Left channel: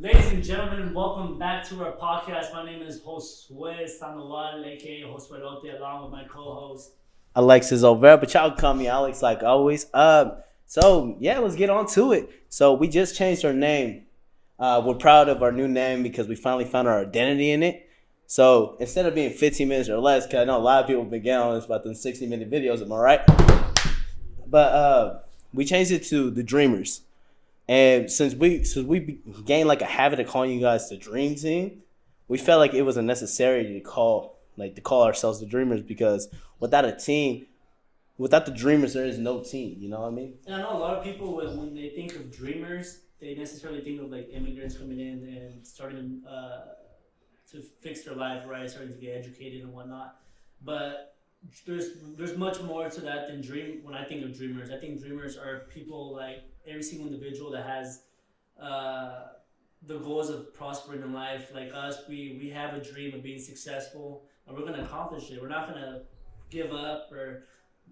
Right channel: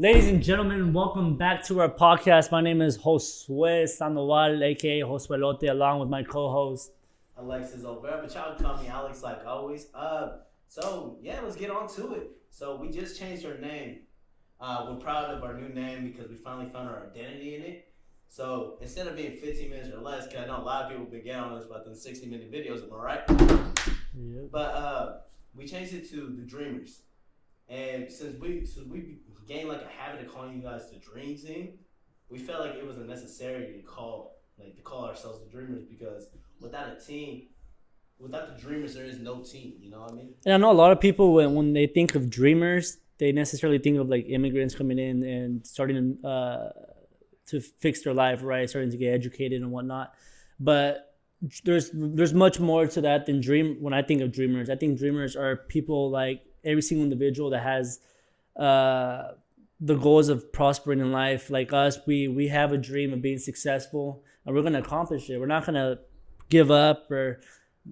Ladies and gentlemen, welcome back to our podcast. My name is Josue Sandoval, aka Josuelote, along with my co-host Alexis over, but y'all call me Alex like always. Let's get on to it. So we just changed our name. We're proud of our new name because we finally found our identity in it. So instead of being 15 minutes or less, because I know a lot of people have been getting on this about the 60-minute videos, am I right? Yeah. But we changed it to the Dreamers. And since we gained like a habit of calling you guys the Dream Team, we felt like it was unnecessary to call ourselves the Dreamers, because without the Dreamers, there is no team. You know what I mean? And I know a lot of people when they think of Dreamers, they necessarily think of like immigrants coming in and starting to fix their life, right? Starting to get educated and whatnot. But there's much more to that than dream. When I think of Dreamers, I think Dreamers are people like every single individual that has the goals of prospering in life. Like us, we have a dream of being successful, and we're gonna accomplish it. We're not gonna give up or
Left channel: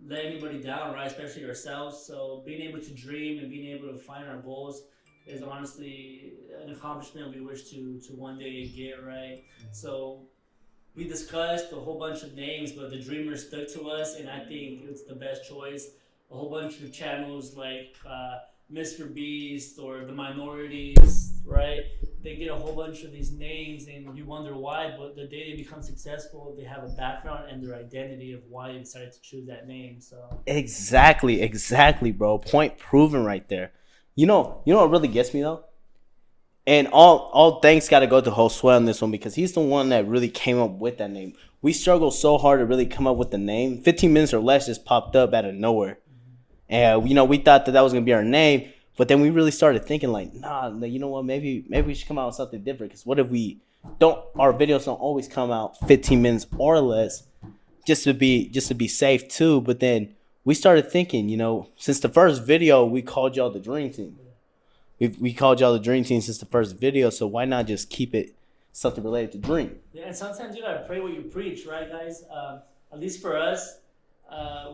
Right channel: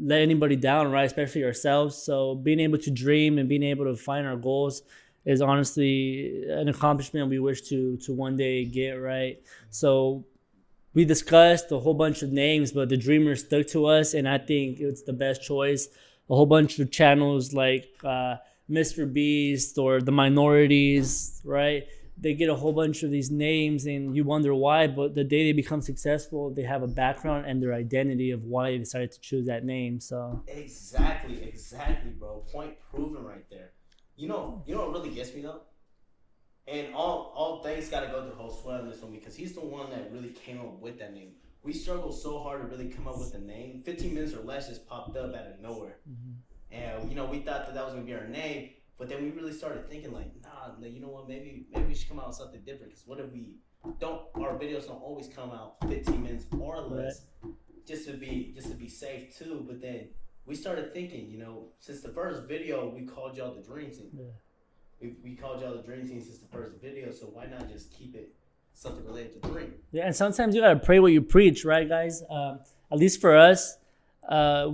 let anybody down, right? Especially ourselves. So being able to dream and being able to find our goals is honestly an accomplishment we wish to one day get, right? So we discussed a whole bunch of names, but the Dreamers stuck to us, and I think it's the best choice. A whole bunch of channels like Mr. Beast or the Minorities, right? They get a whole bunch of these names and you wonder why, but the day they become successful, they have a background and their identity of why they decided to choose that name. So Exactly, bro. Point proven right there. You know what really gets me though? And all thanks got to go to Josue on this one, because he's the one that really came up with that name. We struggled so hard to really come up with the name. 15 minutes or less just popped up out of nowhere. And we thought that was gonna be our name, but then we really started thinking like, you know what? Maybe we should come out with something different. Because what if our videos don't always come out 15 minutes or less, just to be safe too. But then we started thinking, since the first video we called y'all the Dream Team. We called y'all the Dream Team since the first video, so why not just keep it something related to dream? Yeah, and sometimes you gotta pray what you preach, right, guys? At least for us,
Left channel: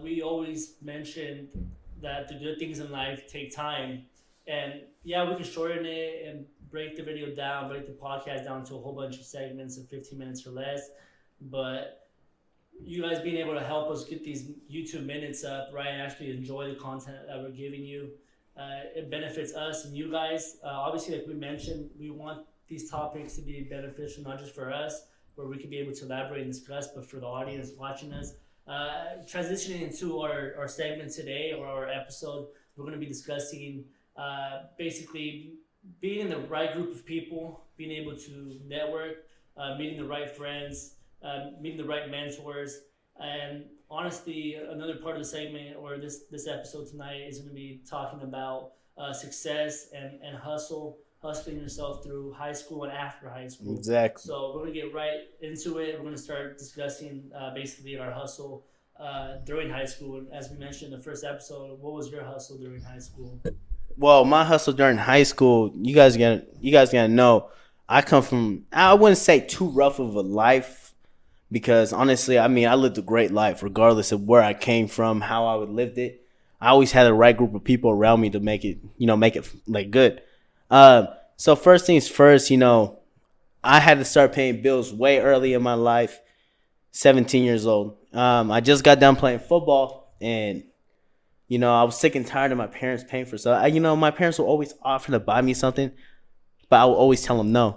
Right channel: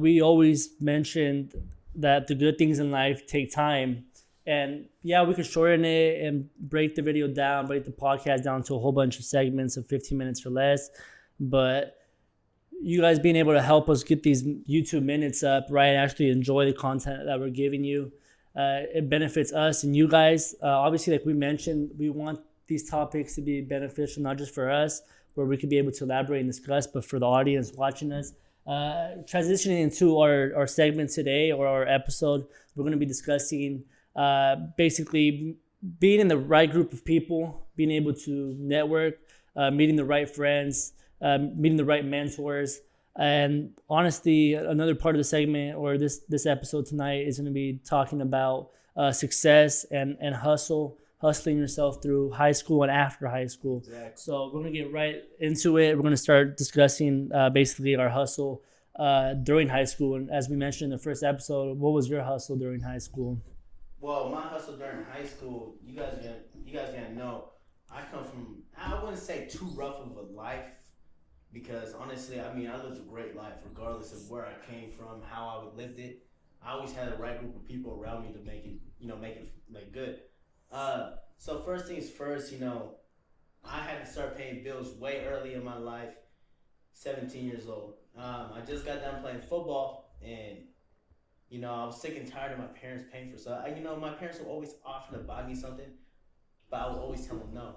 we always mentioned that the good things in life take time. And yeah, we could shorten it and break the video down, break the podcast down to a whole bunch of segments of 15 minutes or less. But you guys being able to help us get these YouTube minutes up, right? Actually enjoy the content that we're giving you. It benefits us and you guys. Obviously, like we mentioned, we want these topics to be beneficial, not just for us, where we could be able to elaborate and discuss, but for the audience watching us. Transitioning into our segment today, or our episode, we're going to be discussing basically being in the right group of people, being able to network, meeting the right friends, meeting the right mentors. And honestly, another part of the segment, or this episode tonight, is going to be talking about success and hustling yourself through high school and after high school. Exactly. So we're going to get right into it. We're going to start discussing basically our hustle during high school. And as we mentioned in the first episode, what was your hustle during high school? Well, my hustle during high school, you guys gotta know, I come from, I wouldn't say too rough of a life, because honestly, I lived a great life regardless of where I came from, how I would lived it. I always had the right group of people around me to make it like good. So first things first, I had to start paying bills way early in my life, 17 years old. I just got done playing football, and, I was sick and tired of my parents paying for stuff. My parents would always offer to buy me something, but I would always tell them no.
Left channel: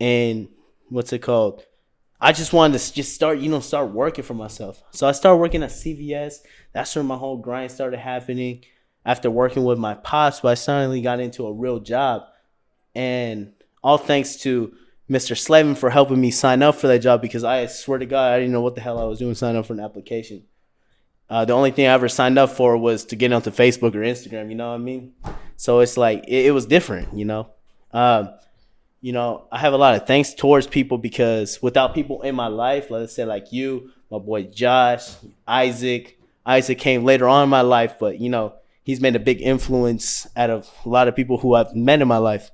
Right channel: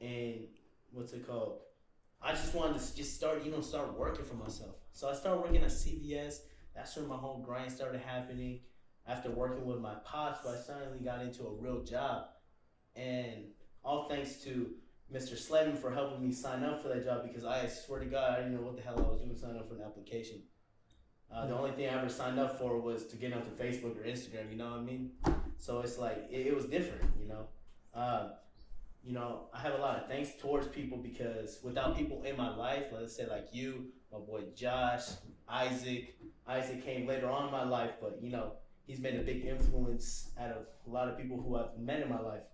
And what's it called? I just wanted to just start working for myself. So I started working at CVS. That's where my whole grind started happening. After working with my pops, but I suddenly got into a real job. And all thanks to Mr. Slavin for helping me sign up for that job, because I swear to God, I didn't know what the hell I was doing signing up for an application. The only thing I ever signed up for was to get onto Facebook or Instagram, you know what I mean? So it's like, it was different, I have a lot of thanks towards people, because without people in my life, let's say like you, my boy Josh, Isaac came later on in my life, but, he's made a big influence out of a lot of people who I've met in my life.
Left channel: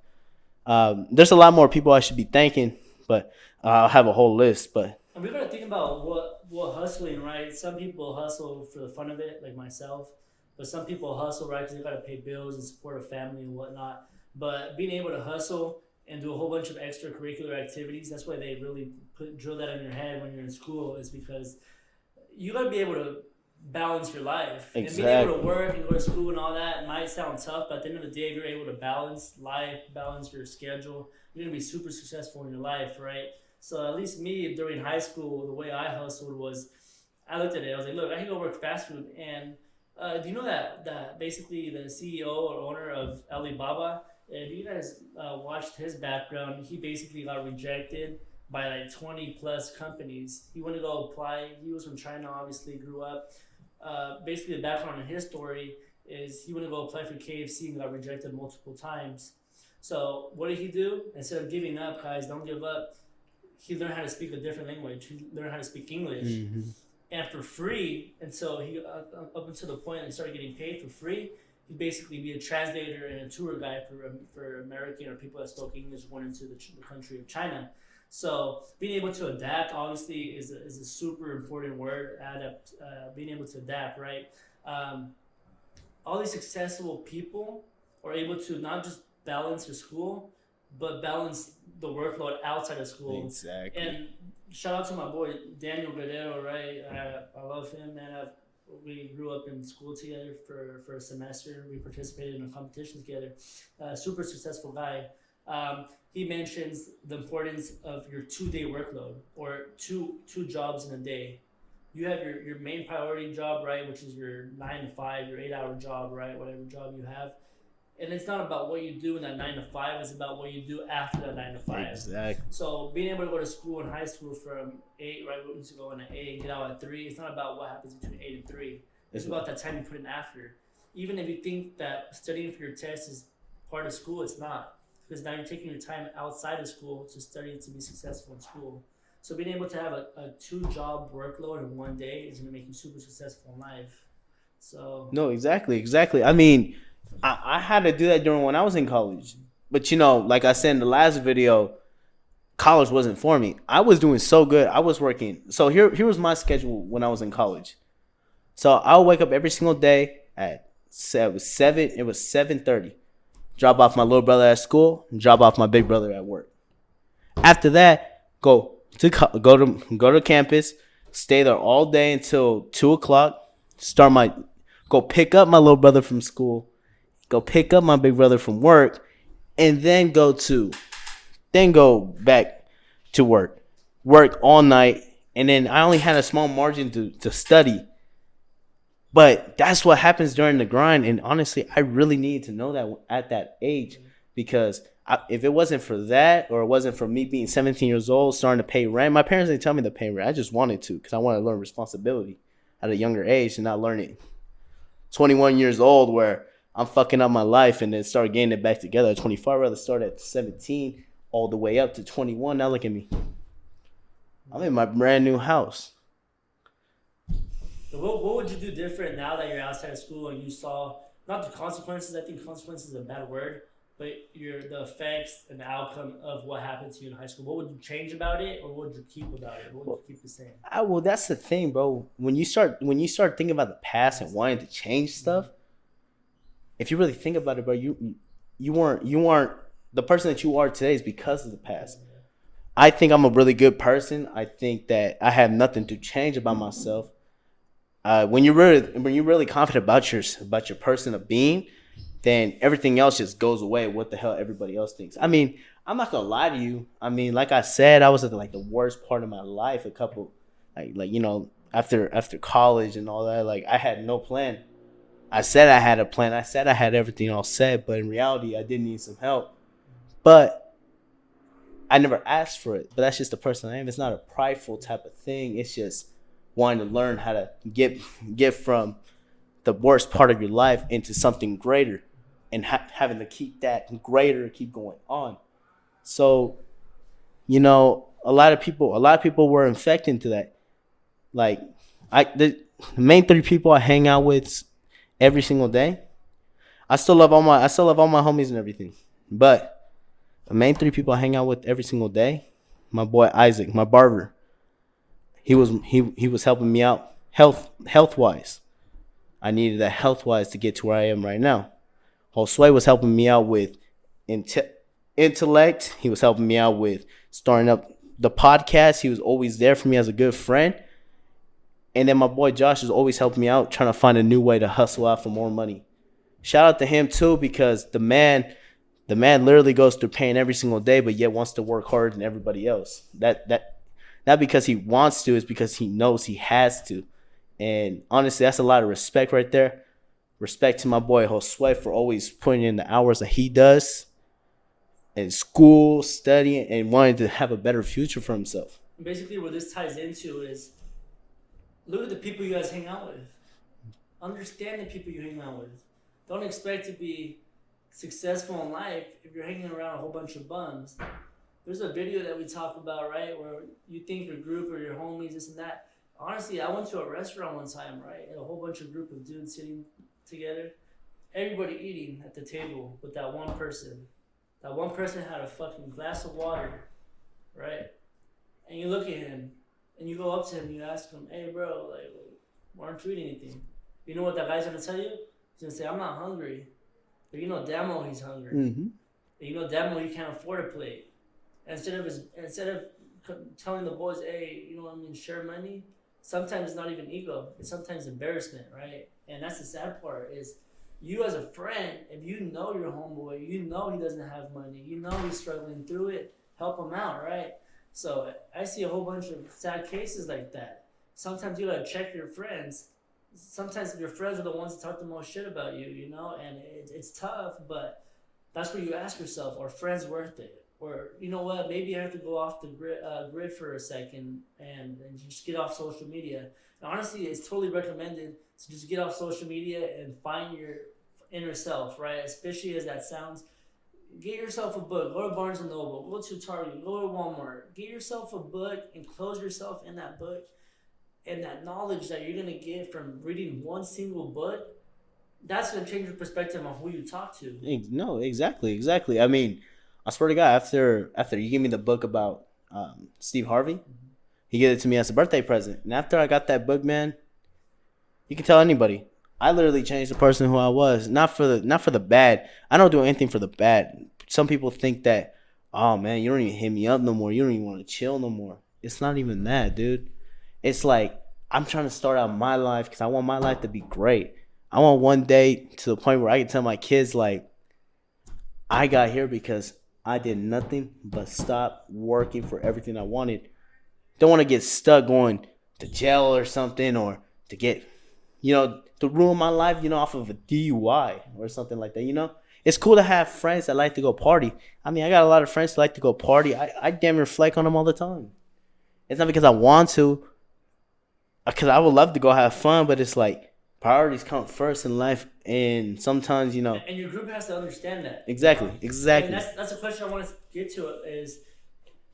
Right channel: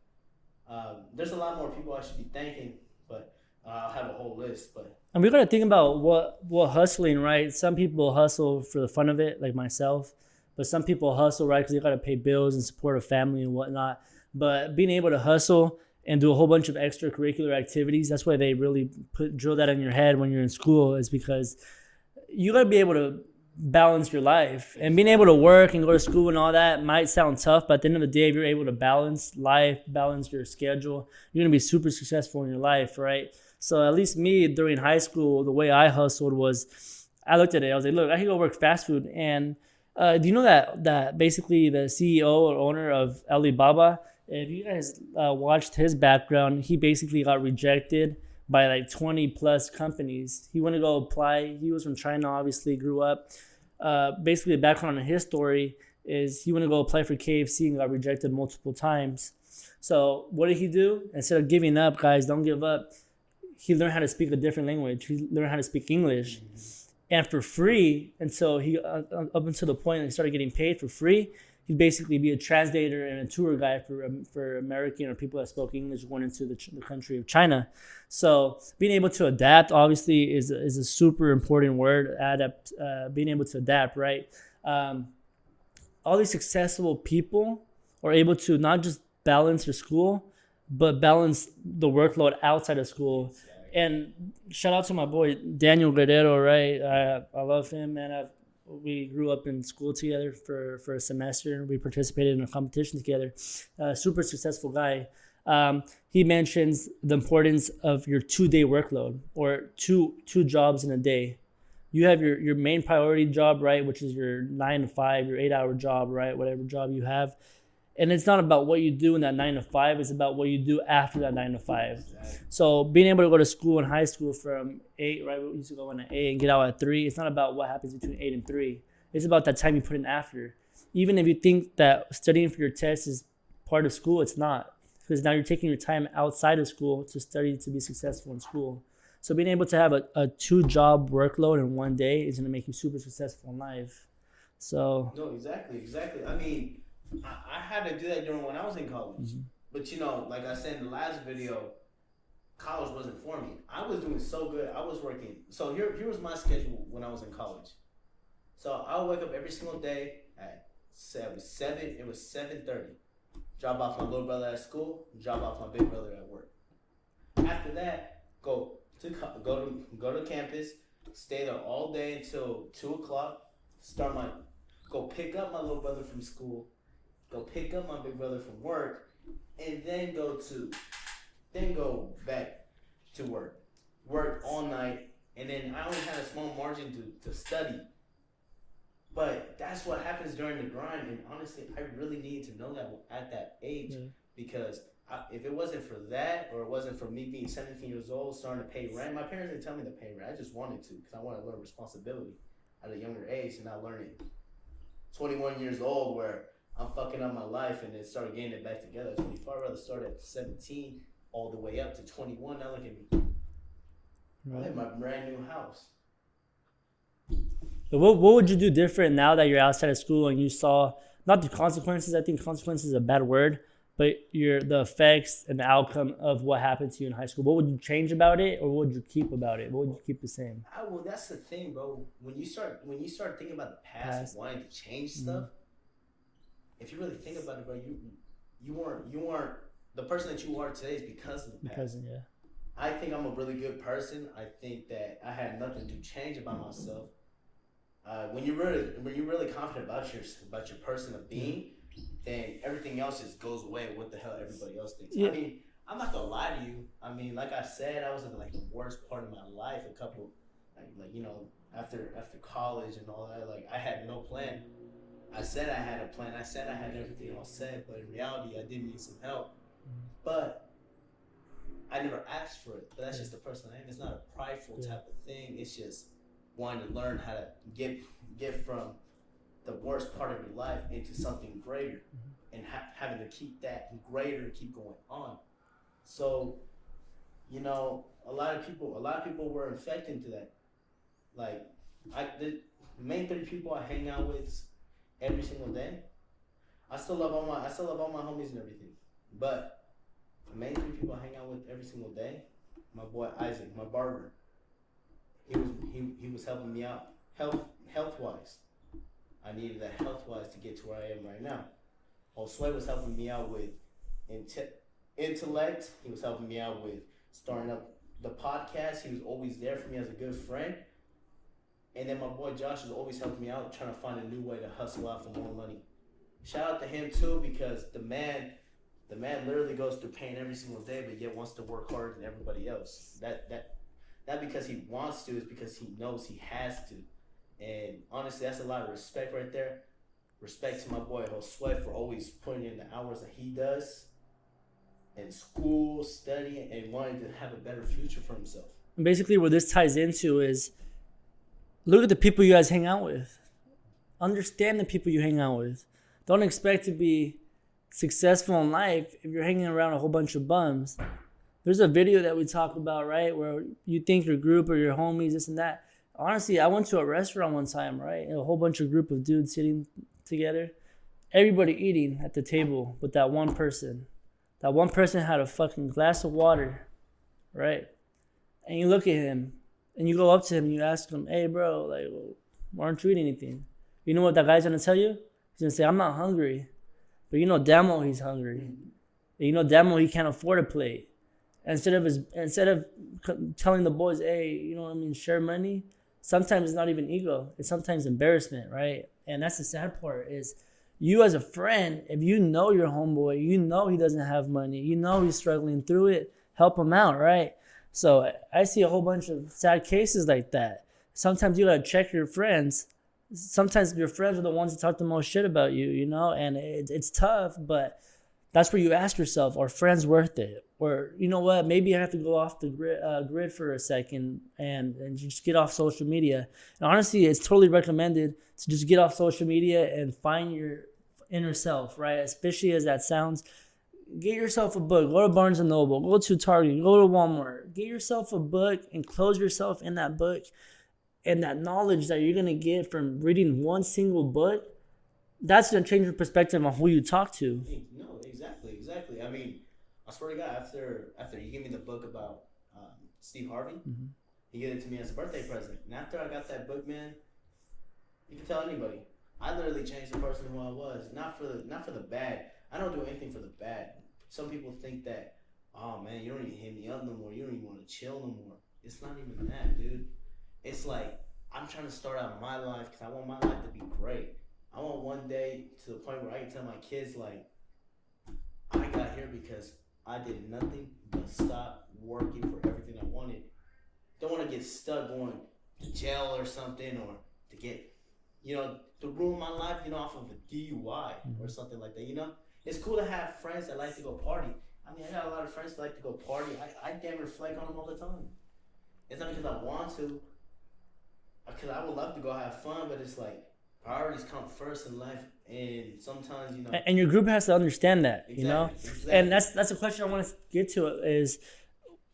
There's a lot more people I should be thanking, but I'll have a whole list. And we got to think about what hustling, right? Some people hustle for the fun of it, like myself. But some people hustle, right, because they got to pay bills and support a family and whatnot. But being able to hustle and do a whole bunch of extracurricular activities. That's why they really drill that in your head when you're in school, is because you got to be able to balance your life. And being able to work and go to school and all that might sound tough, but at the end of the day, if you're able to balance life, balance your schedule, you're going to be super successful in your life, right? So at least me during high school, the way I hustled was I looked at it. I was like, look, I can go work fast food. And do you know that basically the CEO or owner of Alibaba, if you guys watched his background, he basically got rejected by like 20 plus companies. He went to go apply. He was from China, obviously, grew up. Basically, the background on his story is he went to go apply for KFC and got rejected multiple times. So what did he do? Instead of giving up, guys, don't give up. He learned how to speak a different language. He learned how to speak English. Mm-hmm. And for free, until he up until the point that he started getting paid for free, he'd basically be a translator and a tour guide for American or people that spoke English going into the country of China. So being able to adapt, obviously, is a super important word. Being able to adapt, right? All these successful people are able to not just balance their school, but balance the workload outside of school. Exactly. And shout out to my boy Daniel Guerrero, right? I love him, man. We grew up in school together for a semester. We participated in a competition together. Super successful guy. He mentions the importance of your 2-day workload, or two jobs in a day. You have your main priority job, right, which is your 9 to 5, your 8-hour job, right, whatever job you have. And it's not about what you do in that 9 to 5. It's about what you do after that 9 to 5. Exactly. So being able to go to school in high school from 8, right? We used to go in at 8 and get out at 3. It's not about what happens between 8 and 3. It's about that time you put in after. Even if you think that studying for your test is part of school, it's not. Because now you're taking your time outside of school to study to be successful in school. So being able to have a 2-job workload in one day is going to make you super successful in life. So no, exactly. I mean, I had to do that during when I was in college. But, like I said in the last video, college wasn't for me. I was doing so good. I was working. So here was my schedule when I was in college. So I would wake up every single day at 7:30. Drop off my little brother at school, drop off my big brother at work. After that, go to campus, stay there all day until 2:00. Go pick up my little brother from school, go pick up my big brother from work, and then go back to work all night. And then I only had a small margin to study. But that's what happens during the grind. And honestly, I really needed to know that at that age, because if it wasn't for that, or it wasn't for me being 17 years old, starting to pay rent, my parents didn't tell me to pay rent. I just wanted to, because I wanted to learn responsibility at a younger age and not learn it 21 years old where I'm fucking up my life and then start getting it back together at 25. I'd rather start at 17 all the way up to 21. Now look at me. I'm in my brand new house. But what would you do different now that you're outside of school and you saw, not the consequences, I think consequences is a bad word, but the effects and the outcome of what happened to you in high school? What would you change about it, or what would you keep about it? What would you keep the same? Well, that's the thing, bro. When you start thinking about the past and wanting to change stuff, if you really think about it, bro, you weren't the person that you are today is because of the past. Yeah. I think I'm a really good person. I think that I have nothing to change about myself. When you're really confident about your person of being, then everything else just goes away. What the hell everybody else thinks. Yeah. I mean, I'm not gonna lie to you. I mean, like I said, I was at the worst part of my life. A couple, after college and all that. Like, I had no plan. I said I had a plan. I said I had everything all set, but in reality, I did need some help. But I never asked for it. But that's just the person I am. It's not a prideful type of thing. It's just wanting to learn how to get from the worst part of your life into something greater, and having to keep that greater, keep going on. So, a lot of people were infected into that. Like, the main 3 people I hang out with every single day, I still love all my homies and everything, but the main 3 people I hang out with every single day, my boy Isaac, my barber. He was helping me out health wise. I needed that health wise to get to where I am right now. Josue was helping me out with intellect. He was helping me out with starting up the podcast. He was always there for me as a good friend. And then my boy Josh is always helping me out, trying to find a new way to hustle out for more money. Shout out to him too, because the man literally goes through pain every single day, but yet wants to work harder than everybody else. That not because he wants to, it's because he knows he has to. And honestly, that's a lot of respect right there. Respect to my boy Josue for always putting in the hours that he does in school, studying, and wanting to have a better future for himself. Basically, what this ties into is look at the people you guys hang out with. Understand the people you hang out with. Don't expect to be successful in life if you're hanging around a whole bunch of bums. There's a video that we talk about, right, where you think your group or your homies, this and that. Honestly, I went to a restaurant one time, right? A whole bunch of group of dudes sitting together. Everybody eating at the table with that one person. That one person had a fucking glass of water, right? And you look at him, and you go up to him, and you ask him, hey, bro, like, why aren't you eating anything? You know what that guy's going to tell you? He's going to say, I'm not hungry. But you know damn well he's hungry. Mm-hmm. You know damn well he can't afford a plate. And instead of telling the boys, hey, you know what I mean, share money, sometimes it's not even ego. It's sometimes embarrassment, right? And that's the sad part is you as a friend, if you know your homeboy, you know he doesn't have money, you know he's struggling through it, help him out, right? So I see a whole bunch of sad cases like that. Sometimes you gotta check your friends. Sometimes your friends are the ones that talk the most shit about you, you know, and it's tough, but that's where you ask yourself, are friends worth it? Or, you know what, maybe I have to go off the grid for a second and just get off social media. And honestly, it's totally recommended to just get off social media and find your inner self, right? As fishy as that sounds, get yourself a book. Go to Barnes & Noble, go to Target, go to Walmart. Get yourself a book and close yourself in that book. And that knowledge that you're going to get from reading one single book, that's going to change your perspective on who you talk to. No, exactly. I mean, I swear to God, after you gave me the book about Steve Harvey, mm-hmm. He gave it to me as a birthday present. And after I got that book, man, you can tell anybody, I literally changed the person who I was. Not for the bad. I don't do anything for the bad. Some people think that, oh man, you don't even hit me up no more. You don't even want to chill no more. It's not even that, dude. It's like I'm trying to start out my life because I want my life to be great. I want one day to the point where I can tell my kids, like, I got here because I did nothing but stop working for everything I wanted. Don't want to get stuck going to jail or something, or to get, to ruin my life, off of a DUI or something like that, It's cool to have friends that like to go party. I mean, I got a lot of friends that like to go party. I damn near reflect on them all the time. It's not because I want to, because I would love to go have fun, but it's like priorities come first in life, and sometimes, And your group has to understand that. Exactly. And that's a question I want to get to is,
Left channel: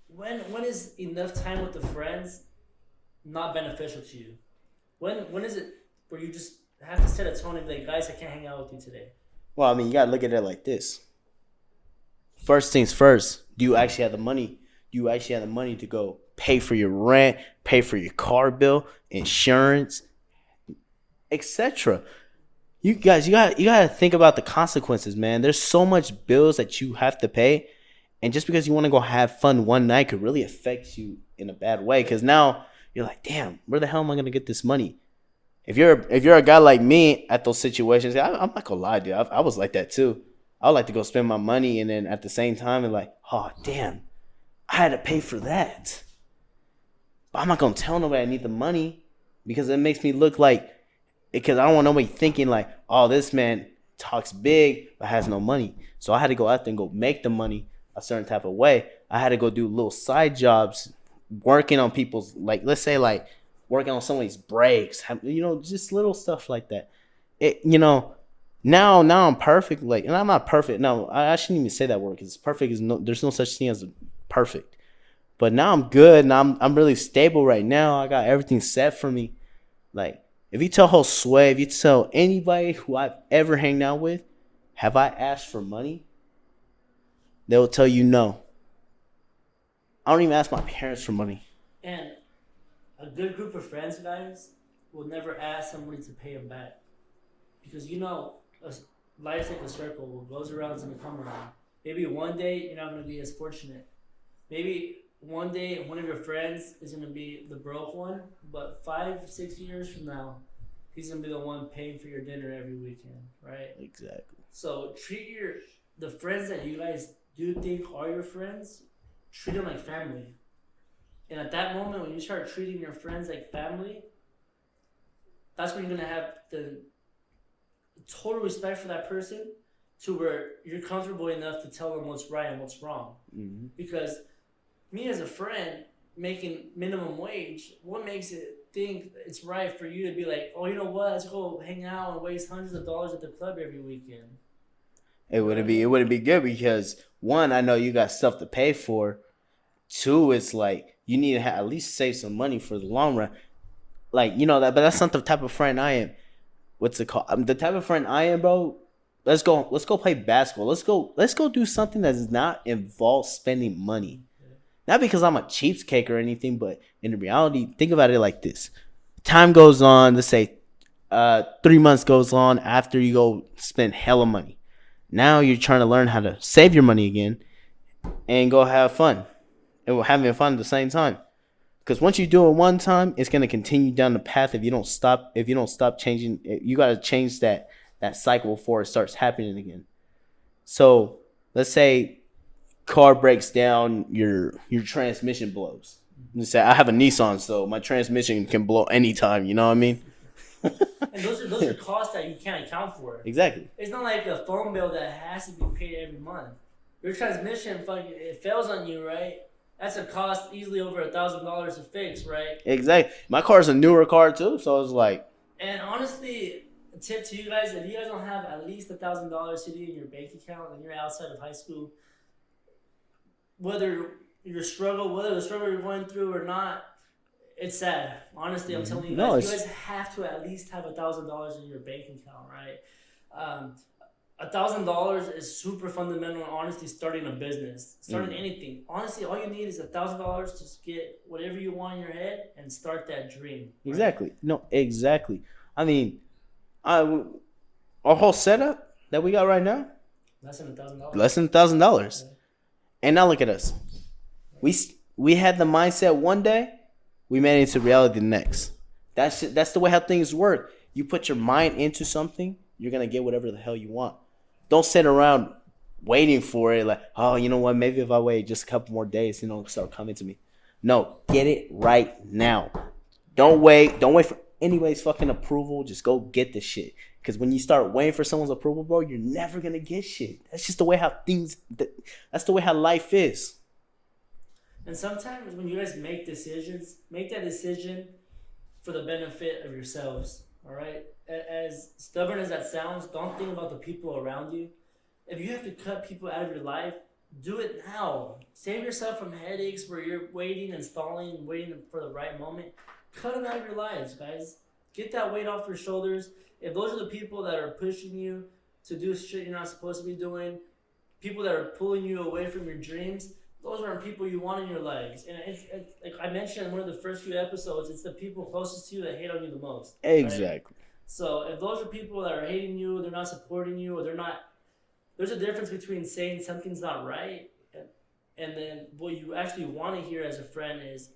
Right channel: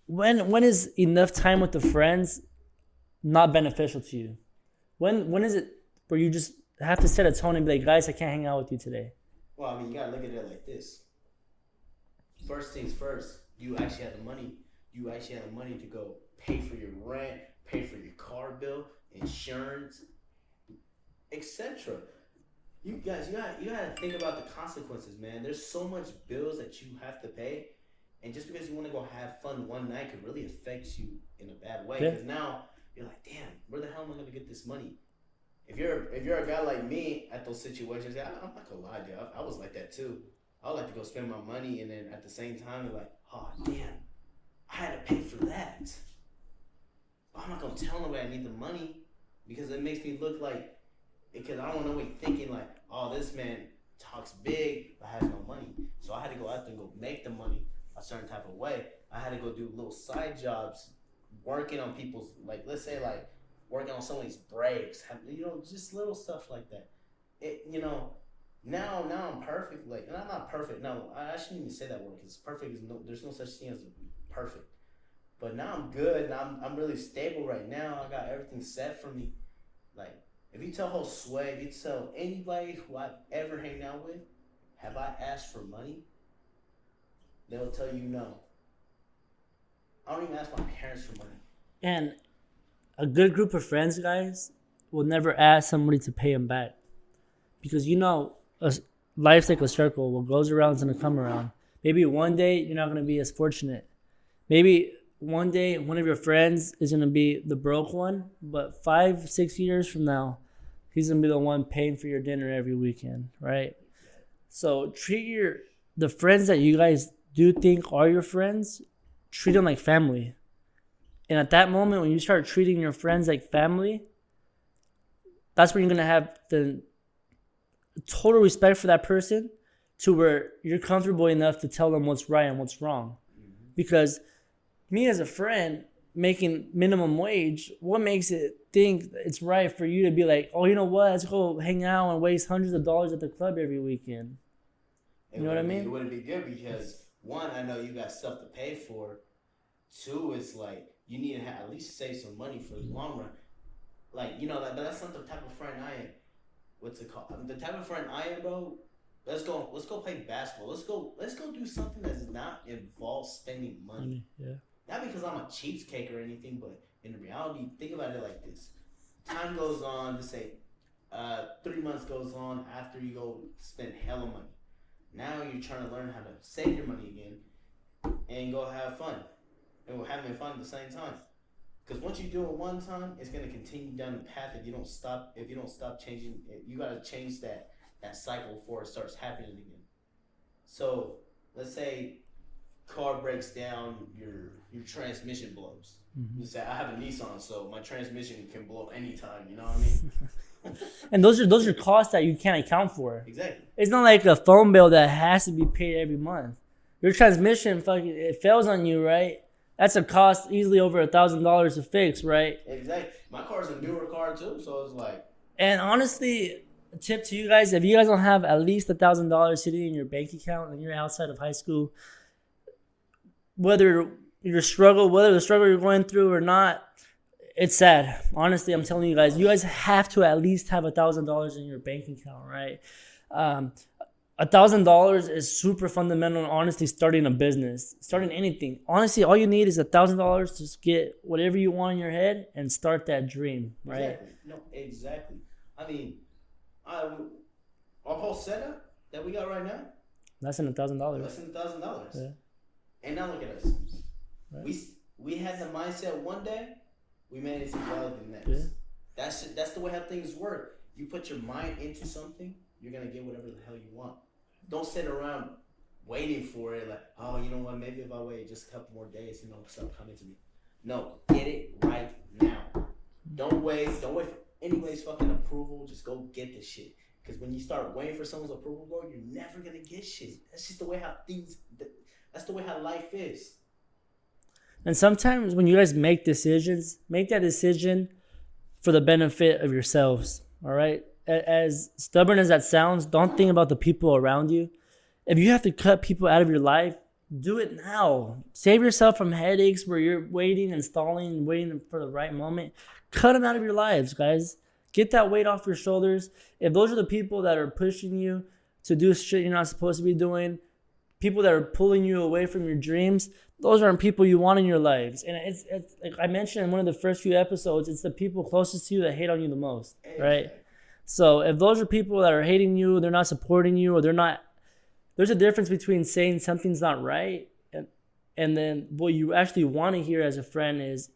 when is enough time with the friends not beneficial to you? When is it where you just have to set a tone and be like, guys, I can't hang out with you today? Well, I mean, you got to look at it like this. First things first, do you actually have the money? Do you actually have the money to go pay for your rent, pay for your car bill, insurance, etc.? You guys, you got to think about the consequences, man. There's so much bills that you have to pay, and just because you want to go have fun one night could really affect you in a bad way, because now you're like, damn, where the hell am I going to get this money? If you're a guy like me at those situations, I'm not gonna lie, dude. I was like that too. I would like to go spend my money, and then at the same time, and like, oh damn, I had to pay for that. But I'm not gonna tell nobody I need the money, because it makes me look like, because I don't want nobody thinking like, oh, this man talks big but has no money. So I had to go out there and go make the money a certain type of way. I had to go do little side jobs, working on people's, like, let's say like, working on somebody's brakes, just little stuff like that. Now I'm perfect, like, and I'm not perfect. No, I shouldn't even say that word, because perfect is there's no such thing as perfect. But now I'm good, and I'm really stable right now. I got everything set for me. Like, if you tell Josue, if you tell anybody who I've ever hanged out with, have I asked for money? They will tell you no. I don't even ask my parents for money. And a good group of friends, guys, will never ask somebody to pay them back. Because life's like a circle. What goes around is going to come around. Maybe one day you're not going to be as fortunate. Maybe one day one of your friends is going to be the broke one, but 5-6 years from now, he's going to be the one paying for your dinner every weekend, right? Exactly. So treat the friends that you guys do think are your friends, treat them like family. And at that moment, when you start treating your friends like family, that's when you're going to have the total respect for that person to where you're comfortable enough to tell them what's right and what's wrong. Mm-hmm. Because me as a friend making minimum wage, what makes it think it's right for you to be like, oh, you know what? Let's go hang out and waste hundreds of dollars at the club every weekend. It wouldn't be good because one, I know you got stuff to pay for. Two, it's like you need to at least save some money for the long run. Like, you know that, but that's not the type of friend I am. What's it called? The type of friend I am, bro. Let's go play basketball. Let's go do something that does not involve spending money. Yeah. Not because I'm a cheapskate or anything, but in reality, think about it like this: time goes on. Let's say 3 months goes on after you go spend hella money. Now you're trying to learn how to save your money again and go have fun. And we're having fun at the same time. Because once you do it one time, it's gonna continue down the path if you don't stop. If you don't stop changing, you gotta change that cycle before it starts happening again. So let's say car breaks down, your transmission blows. Mm-hmm. Let's say I have a Nissan, so my transmission can blow anytime. You know what I mean? And those are costs that you can't account for. Exactly. It's not like a phone bill that has to be paid every month. Your transmission it fails on you, right? That's a cost easily over $1,000 to fix, right? Exactly. My car's a newer car too, so it's like. And honestly, a tip to you guys: if you guys don't have at least $1,000 sitting in your bank account and you're outside of high school, whether the struggle you're going through or not, it's sad. Honestly, I'm telling you guys, you guys have to at least have $1,000 in your bank account, right? $1,000 is super fundamental. Honestly, starting a business, starting anything. Honestly, all you need is $1,000 to get whatever you want in your head and start that dream. Right? Exactly. No, exactly. I mean, our whole setup that we got right now, less than $1,000. Less than $1,000. Yeah. And now look at us. Right. We had the mindset one day, we made it into reality the next. Yeah. That's the way how things work. You put your mind into something, you're gonna get whatever the hell you want. Don't sit around waiting for it like, oh, you know what, maybe if I wait just a couple more days, it'll start coming to me. No, get it right now. Don't wait for anybody's fucking approval. Just go get the shit. Because when you start waiting for someone's approval, bro, you're never gonna get shit. That's just the way that's the way how life is. And sometimes when you guys make decisions, make that decision for the benefit of yourselves. All right. As stubborn as that sounds, don't think about the people around you. If you have to cut people out of your life, do it now. Save yourself from headaches where you're waiting and stalling, waiting for the right moment. Cut them out of your lives, guys. Get that weight off your shoulders. If those are the people that are pushing you to do shit you're not supposed to be doing, people that are pulling you away from your dreams, those aren't people you want in your lives. And it's like I mentioned in one of the first few episodes, it's the people closest to you that hate on you the most. Exactly. Right? So if those are people that are hating you, they're not supporting you, or they're not, there's a difference between saying something's not right and then what you actually want to hear as a friend is,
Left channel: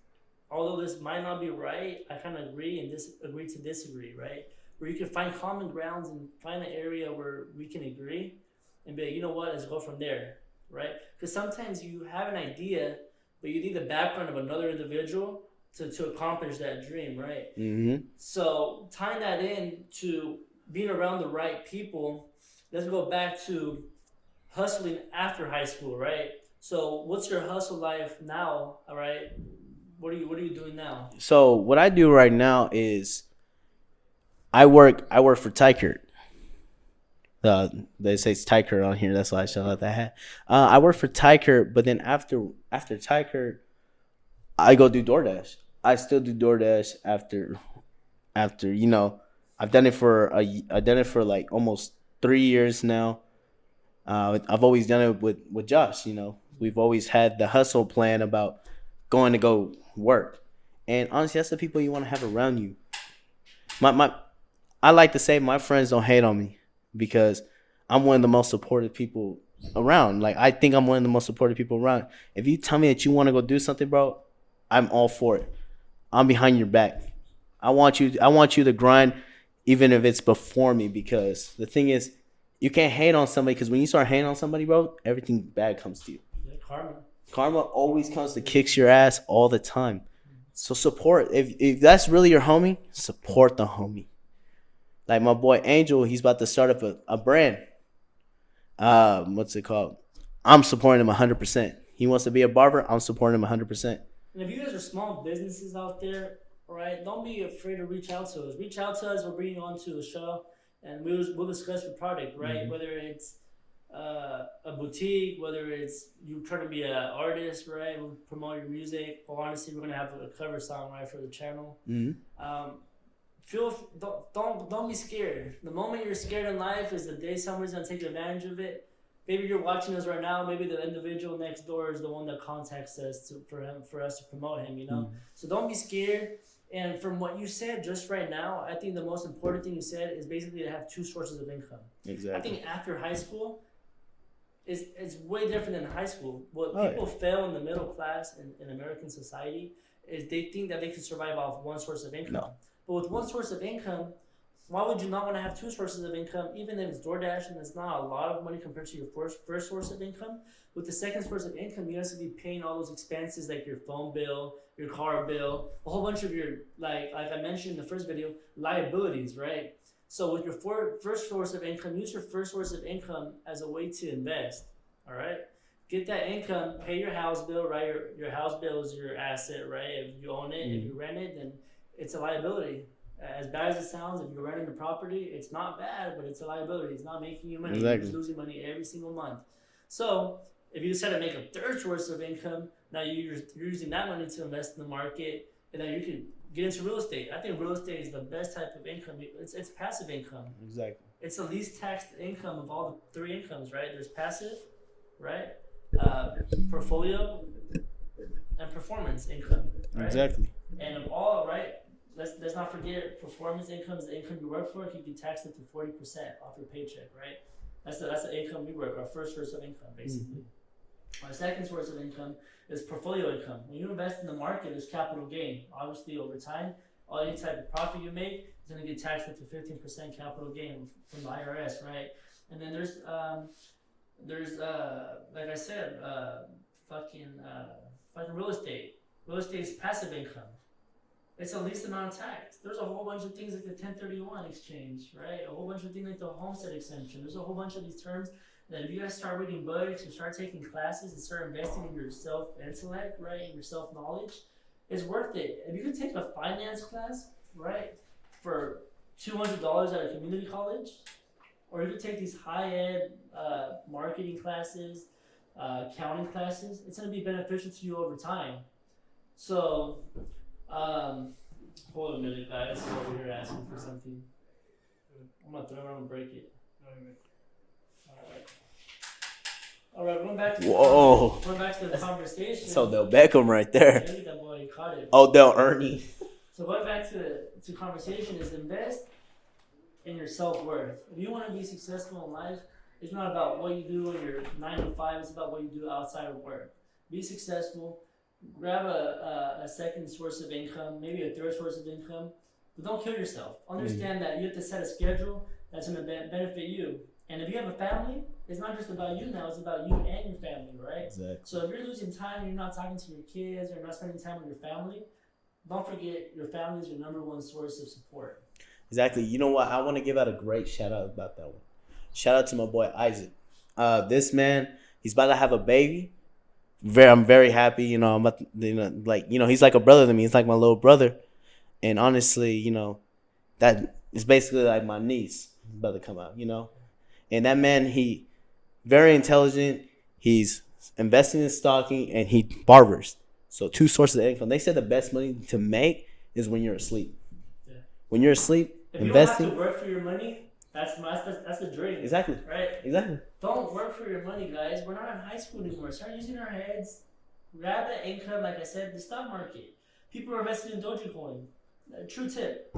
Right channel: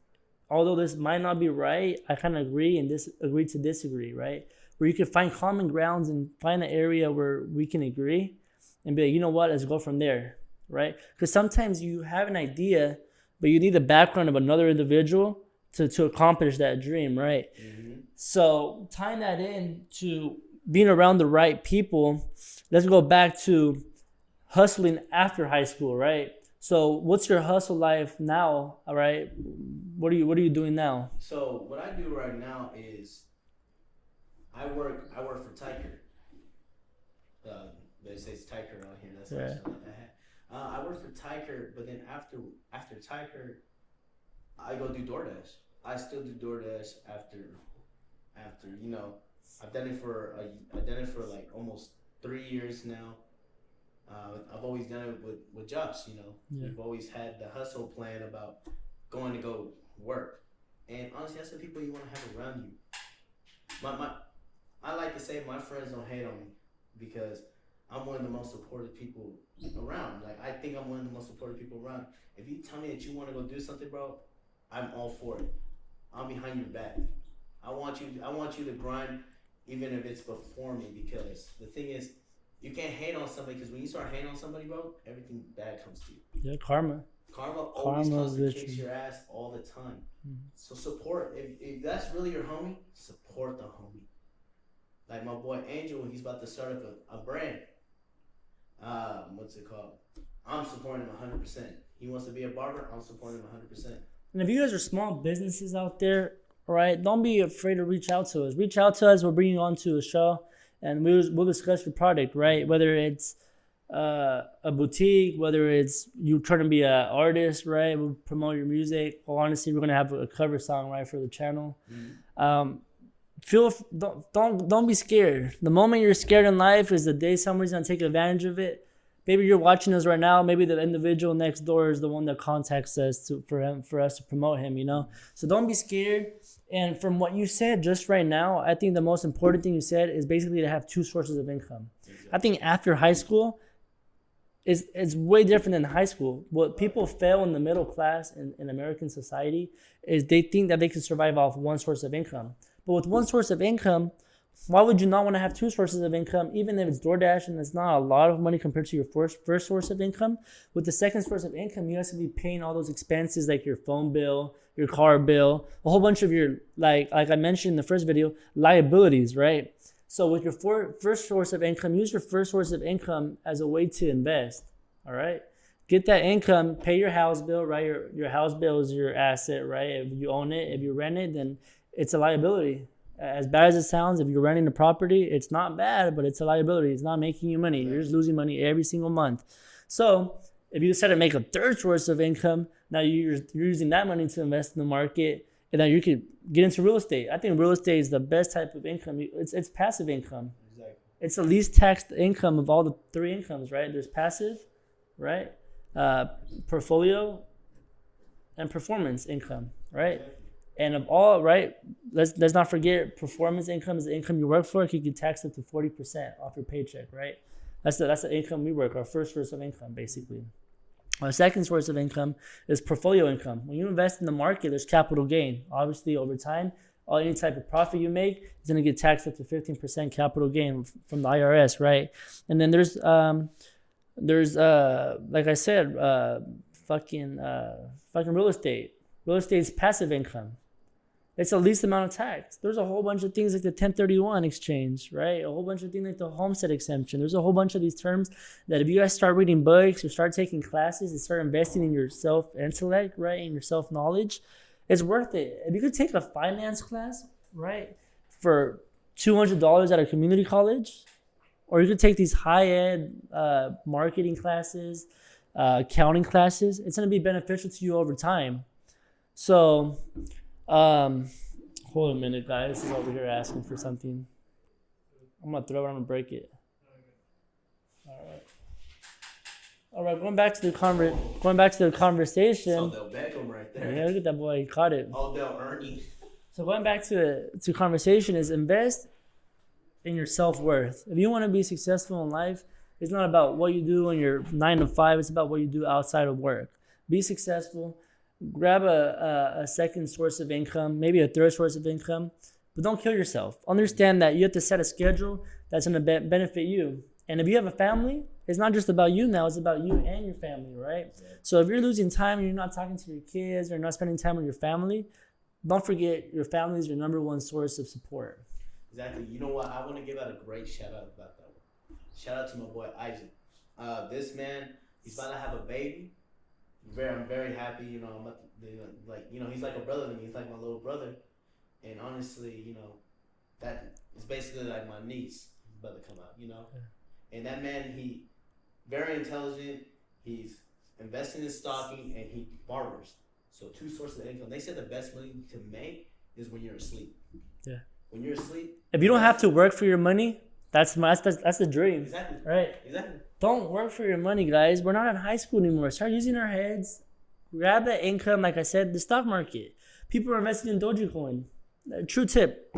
although this might not be right, I kind of agree and agree to disagree, right? Where you can find common grounds and find an area where we can agree and be like, you know what, let's go from there, right? Because sometimes you have an idea, but you need the background of another individual to accomplish that dream, right? Mm-hmm. So tying that in to being around the right people, let's go back to hustling after high school, right? So what's your hustle life now, all right? What are you doing now? So what I do right now is I work for Tiker. They say it's Tiker on here, that's why I shout out that hat. I work for Tiker, but then after Tiker, I go do DoorDash. I still do DoorDash after you know, I've done it for like almost 3 years now. I've always done it with Josh, you know. We've always had the hustle plan about going to go work. And honestly, that's the people you want to have around you. I like to say my friends don't hate on me because I'm one of the most supportive people around. Like, I think I'm one of the most supportive people around. If you tell me that you want to go do something, bro, I'm all for it. I'm behind your back. I want you to grind, even if it's before me, because the thing is, you can't hate on somebody, because when you start hating on somebody, bro, everything bad comes to you. Yeah, karma. Karma always comes to kicks your ass all the time. So support. If that's really your homie, support the homie. Like my boy Angel, he's about to start up a brand. What's it called? I'm supporting him 100%. He wants to be a barber. I'm supporting him 100%. And if you guys are small businesses out there, right, don't be afraid to reach out to us. Reach out to us. We'll bring you onto a show, and we'll discuss your product, right? Mm-hmm. Whether it's a boutique, whether it's you trying to be an artist, right? We'll promote your music. Well, honestly, we're gonna have a cover song, right, for the channel. Mm-hmm. Don't be scared. The moment you're scared in life is the day somebody's gonna take advantage of it. Maybe you're watching us right now. Maybe the individual next door is the one that contacts us for us to promote him. Mm-hmm. So don't be scared. And from what you said just right now, I think the most important thing you said is basically to have two sources of income. Exactly. I think after high school, it's way different than high school. What people fail in the middle class in American society is they think that they can survive off one source of income. No. But with one source of income, why would you not want to have two sources of income, even if it's DoorDash and it's not a lot of money compared to your first source of income? With the second source of income, you have to be paying all those expenses like your phone bill, your car bill, a whole bunch of your, like I mentioned in the first video, liabilities, right? So with your first source of income, use your first source of income as a way to invest, all right? Get that income, pay your house bill, right? Your house bill is your asset, right? If you own it, if you rent it, then it's a liability. As bad as it sounds, if you're renting the property, it's not bad, but it's a liability. It's not making you money. Exactly. You're just losing money every single month. So if you decide to make a third source of income, now you're using that money to invest in the market, and then you could get into real estate. I think real estate is the best type of income. It's passive income. Exactly. It's the least taxed income of all the three incomes, right? There's passive, right? Portfolio, and performance income, right? Exactly. And of all, right, let's not forget, performance income is the income you work for. It can get taxed up to 40% off your paycheck, right? That's the income we work, our first source of income, basically. Mm-hmm. Our second source of income is portfolio income. When you invest in the market, there's capital gain. Obviously, over time, any type of profit you make is going to get taxed up to 15% capital gain from the IRS, right? And then there's like I said, fucking real estate. Real estate is passive income. It's the least amount of tax. There's a whole bunch of things like the 1031 exchange, right? A whole bunch of things like the homestead exemption. There's a whole bunch of these terms that if you guys start reading books or start taking classes and start investing in your self-intellect, right, and your self-knowledge, it's worth it. If you could take a finance class, right, for $200 at a community college, or you could take these high-end marketing classes, accounting classes, it's going to be beneficial to you over time. So, hold a minute, guys. He's over here asking for something. I'm gonna throw it. I'm gonna break it. All right. Going back to the conversation. So Odell Beckham right there. Yeah, look at that boy. He caught it. Odell Ernie. So going back to conversation is invest in your self-worth. If you want to be successful in life, it's not about what you do when you're 9 to 5. It's about what you do outside of work. Be successful. Grab a second source of income, maybe a third source of income, but don't kill yourself. Understand that you have to set a schedule that's going to benefit you. And if you have a family, it's not just about you now, it's about you and your family, right? Exactly. So if you're losing time, you're not talking to your kids, or not spending time with your family, don't forget your family is your number one source of support. Exactly. You know what? I want to give out a great shout out about that one. Shout out to my boy Isaac. This man, he's about to have a baby. I'm very happy, I'm about to, he's like a brother to me. He's like my little brother, and honestly, that is basically like my niece about to come out, And that man, he very intelligent. He's investing in stocking, and he barbers. So 2 sources of income. They said the best money to make is when you're asleep. Yeah. When you're asleep, if you don't have to work for your money, that's the dream. Exactly. Right. Exactly. Don't work for your money, guys. We're not in high school anymore. Start using our heads. Grab the income. Like I said, the stock market. People are investing in Dogecoin. True tip.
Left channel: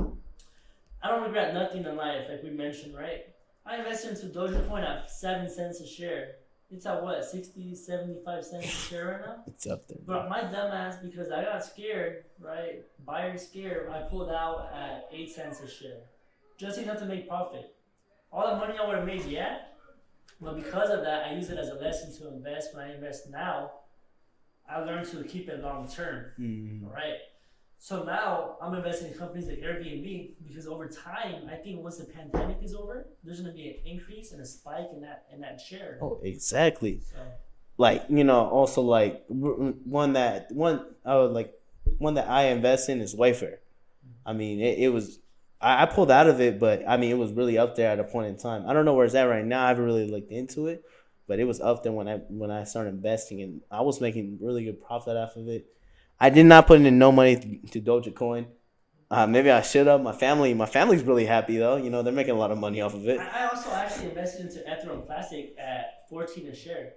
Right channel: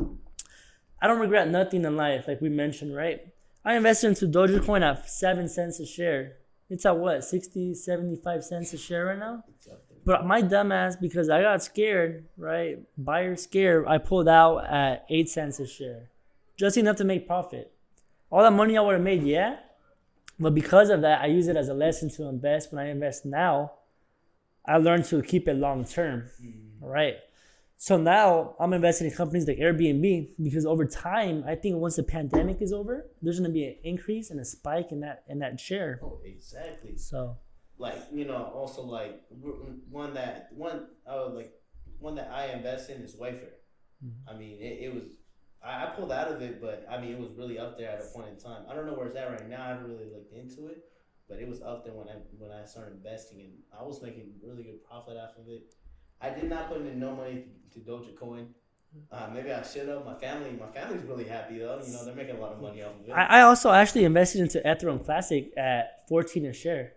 I don't regret nothing in life, like we mentioned, right? I invested into Dogecoin at 7 cents a share. It's at what, 60, 75 cents a share right now? It's up there. But my dumbass, because I got scared, right? Buyer scared, I pulled out at 8 cents a share. Just enough to make profit. All that money I would have made, yeah. But because of that, I use it as a lesson to invest. When I invest now, I learned to keep it long term, right? So now I'm investing in companies like Airbnb because over time, I think once the pandemic is over, there's going to be an increase and a spike in that share. Oh, exactly. So, like, you know, also like one that I invest in is Wayfair. I mean, it was I pulled out of it, but I mean, it was really up there at a point in time. I don't know where it's at right now. I haven't really looked into it, but it was up there when I started investing, and I was making really good profit off of it. I did not put in no money to Dogecoin. Maybe I should have. My family's really happy though. You know, they're making a lot of money off of it. I also actually invested into Ethereum Classic at 14 a share.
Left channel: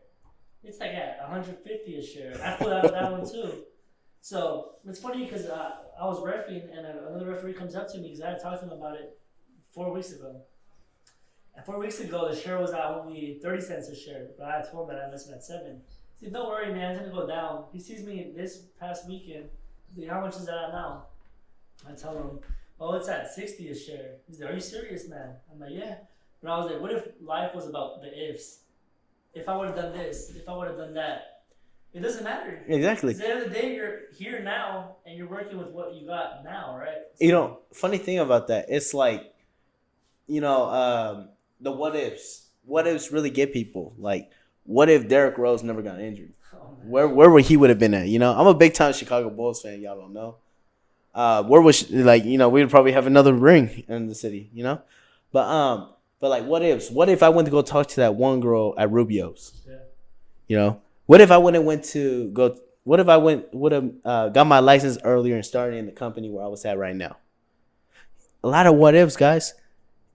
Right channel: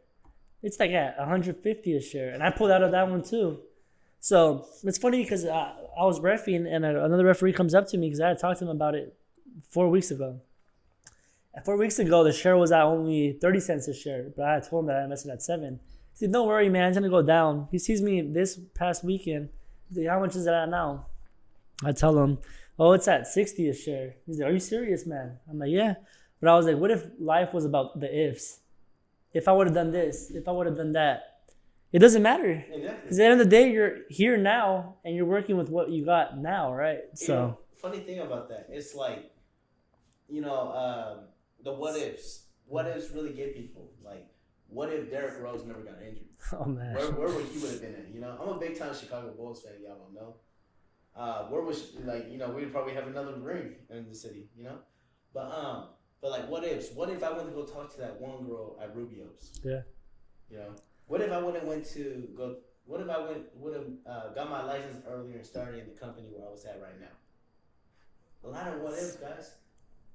It's like at 150 a share, and I pulled out of that one too. So it's funny because I was reffing, and another referee comes up to me because I had talked to him about it 4 weeks ago. And 4 weeks ago, the share was at only 30 cents a share, but I told him that I invested at 7. He said, "Don't worry, man, it's gonna go down." He sees me this past weekend. He's like, "How much is it at now?" I tell him, "Oh, it's at 60 a share." He's like, "Are you serious, man?" I'm like, "Yeah." But I was like, what if life was about the ifs? If I would have done this, if I would have done that, it doesn't matter. Exactly. At the end of the day, you're here now, and you're working with what you got now, right? So, You know, funny thing about that, it's like, you know, the what ifs. What ifs really get people. Like, what if Derrick Rose never got injured? oh man, Where would he would have been at? You know, I'm a big time Chicago Bulls fan. Y'all don't know. Where was like, you know, we would probably have another ring in the city. You know, but like, what ifs? What if I went to go talk to that one girl at Rubio's? Yeah. You know, what if I would have got my license earlier and started in the company where I was at right now? A lot of what ifs, guys.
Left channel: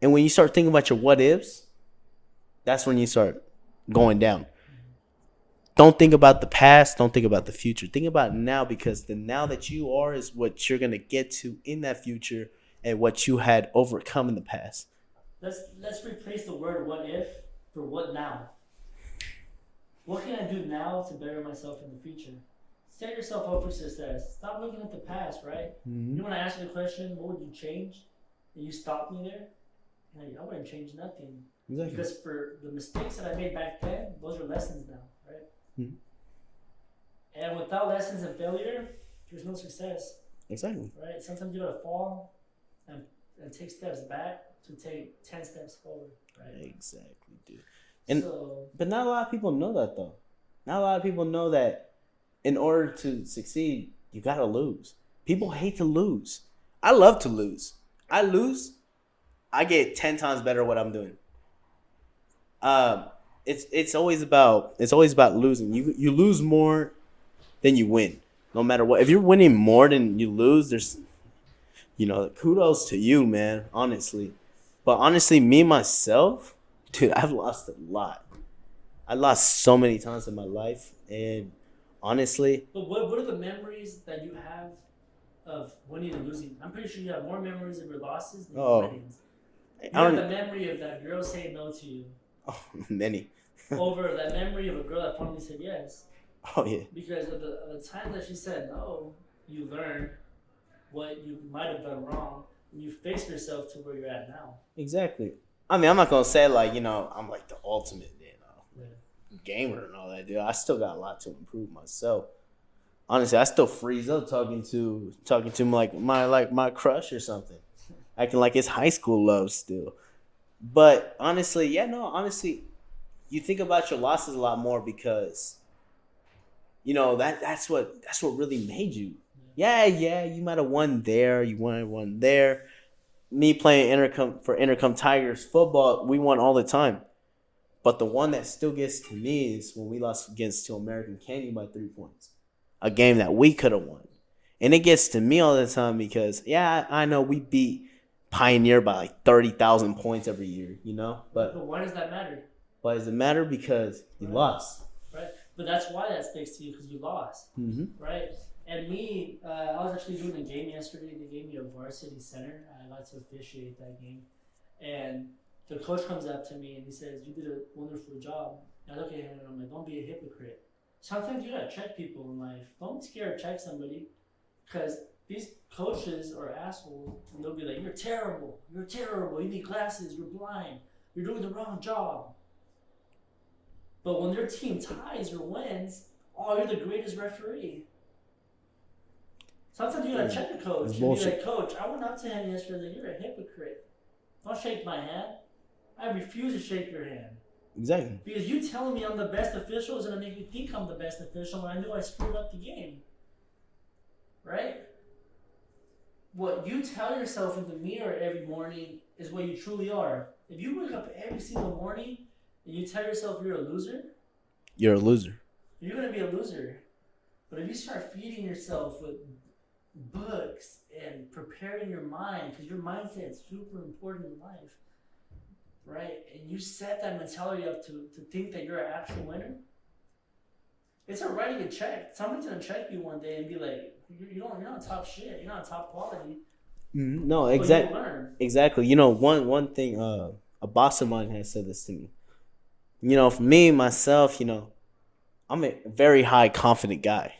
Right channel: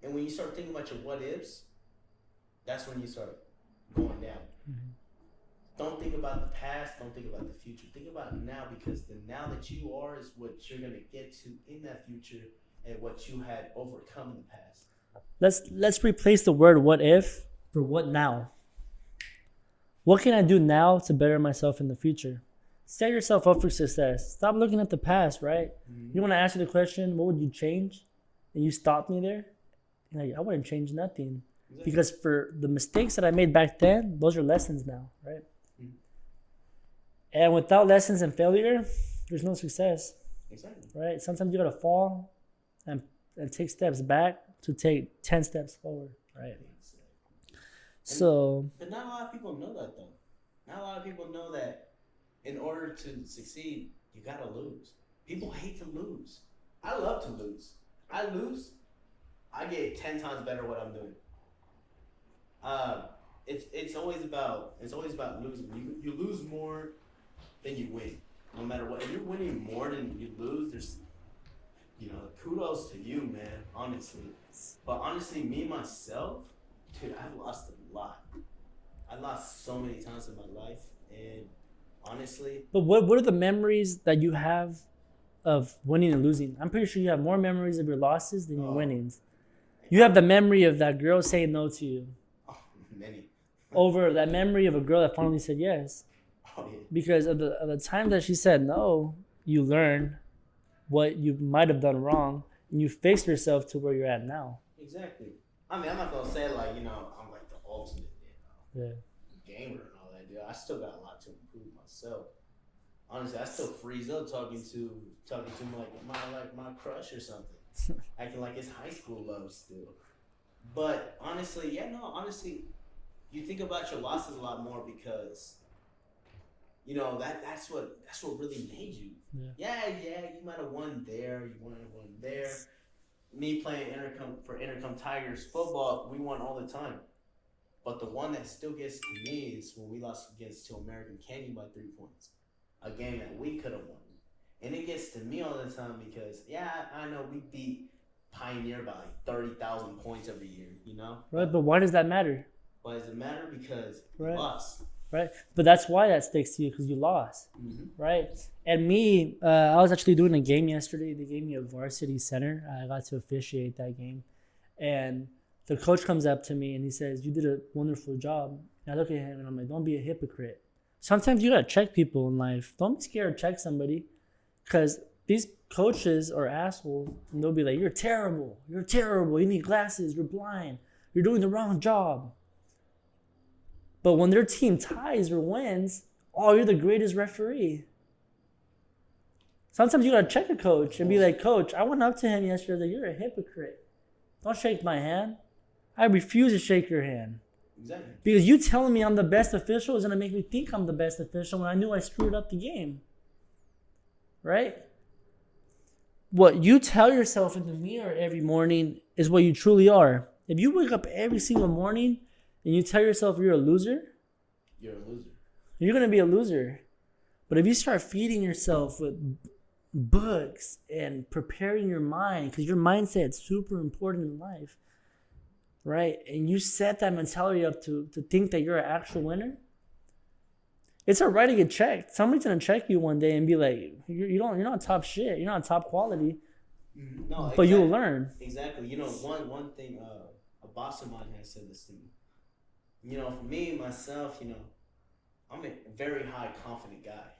And when you start thinking about your what ifs, that's when you start going down. Don't think about the past. Don't think about the future. Think about now, because the now that you are is what you're going to get to in that future and what you had overcome in the past. Let's replace the word "what if" for "what now." What can I do now to better myself in the future? Set yourself up for success. Stop looking at the past, right? You want to answer the question, what would you change? And you stop me there. You're like, I wouldn't change nothing. Exactly. Because for the mistakes that I made back then, those are lessons now, right? And without lessons and failure, there's no success. Exactly. Right? Sometimes you gotta fall and take steps back to take 10 steps forward. Right? Exactly, dude. And, but not a lot of people know that, though. Not a lot of people know that in order to succeed, you gotta lose. People hate to lose. I love to lose. I lose, I get 10 times better at what I'm doing. It's always about losing. You lose more than you win, no matter what. If you're winning more than you lose, there's, you know, kudos to you, man. Honestly, but honestly, me myself, dude, I've lost a lot. I lost so many times in my life, and honestly, but what are the memories that you have of winning and losing? I'm pretty sure you have more memories of your losses than your winnings. You have the memory of that girl saying no to you. Oh, many. Over that memory of a girl that finally said yes. Oh yeah. Because of the time that she said no, you learn what you might have done wrong, and you face yourself to where you're at now. Exactly. I mean, I'm not gonna say like, you know, I'm like the ultimate, you know, gamer and all that, dude. I still got a lot to improve myself. Honestly, I still freeze up talking to my crush or something, acting like it's high school love still. But honestly, you think about your losses a lot more because, you know, that's what really made you. Yeah, you might have won there, you won there. Me playing Intercom Tigers football, we won all the time. But the one that still gets to me is when we lost against to American Candy by 3 points. A game that we could have won. And it gets to me all the time because, yeah, I know we beat Pioneer by like 30,000 points every year, you know? Right, but why does that matter? Why does it matter? Because you lost. Right, but that's why that sticks to you, because you lost, right? And me, I was actually doing a game yesterday. They gave me a varsity center. I got to officiate that game. And the coach comes up to me and he says, "You did a wonderful job." And I look at him and I'm like, don't be a hypocrite. Sometimes you gotta check people in life. Don't be scared to check somebody, because these coaches are assholes, and they'll be like, you're terrible, you need glasses, you're blind, you're doing the wrong job. But when their team ties or wins, oh, you're the greatest referee. Sometimes you gotta check a coach and be like, Coach, I went up to him yesterday, like, you're a hypocrite. Don't shake my hand. I refuse to shake your hand. Exactly. Because you telling me I'm the best official is gonna make me think I'm the best official when I knew I screwed up the game. Right? What you tell yourself in the mirror every morning is what you truly are. If you wake up every single morning and you tell yourself you're a loser, you're a loser. You're gonna be a loser. But if you start feeding yourself with books and preparing your mind, because your mindset's super important in life, right? And you set that mentality up to think that you're an actual winner, it's all right to get checked. Somebody's gonna check you one day and be like, you're not top shit. You're not top quality. No, exactly. But you'll learn. Exactly. You know, one thing. A boss of mine has said this to me. You know, for me myself, you know, I'm a very high confident guy.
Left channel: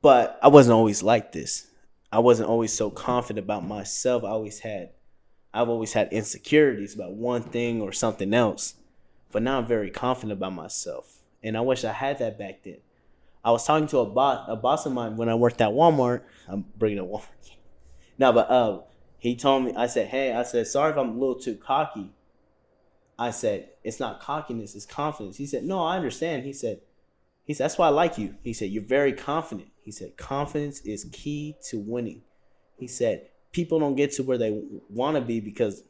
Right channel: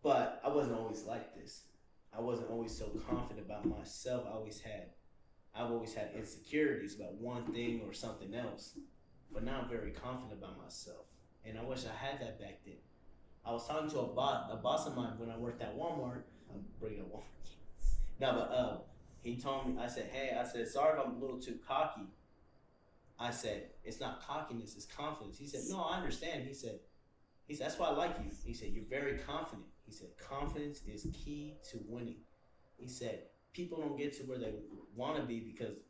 But I wasn't always like this. I wasn't always so confident about myself. I've always had insecurities about one thing or something else. But now I'm very confident about myself. And I wish I had that back then. I was talking to a boss of mine when I worked at Walmart. I'm bringing up Walmart. No, but he told me, I said, sorry if I'm a little too cocky. I said, it's not cockiness, it's confidence. He said, no, I understand. He said, that's why I like you. He said, you're very confident. He said, confidence is key to winning. He said, people don't get to where they want to be because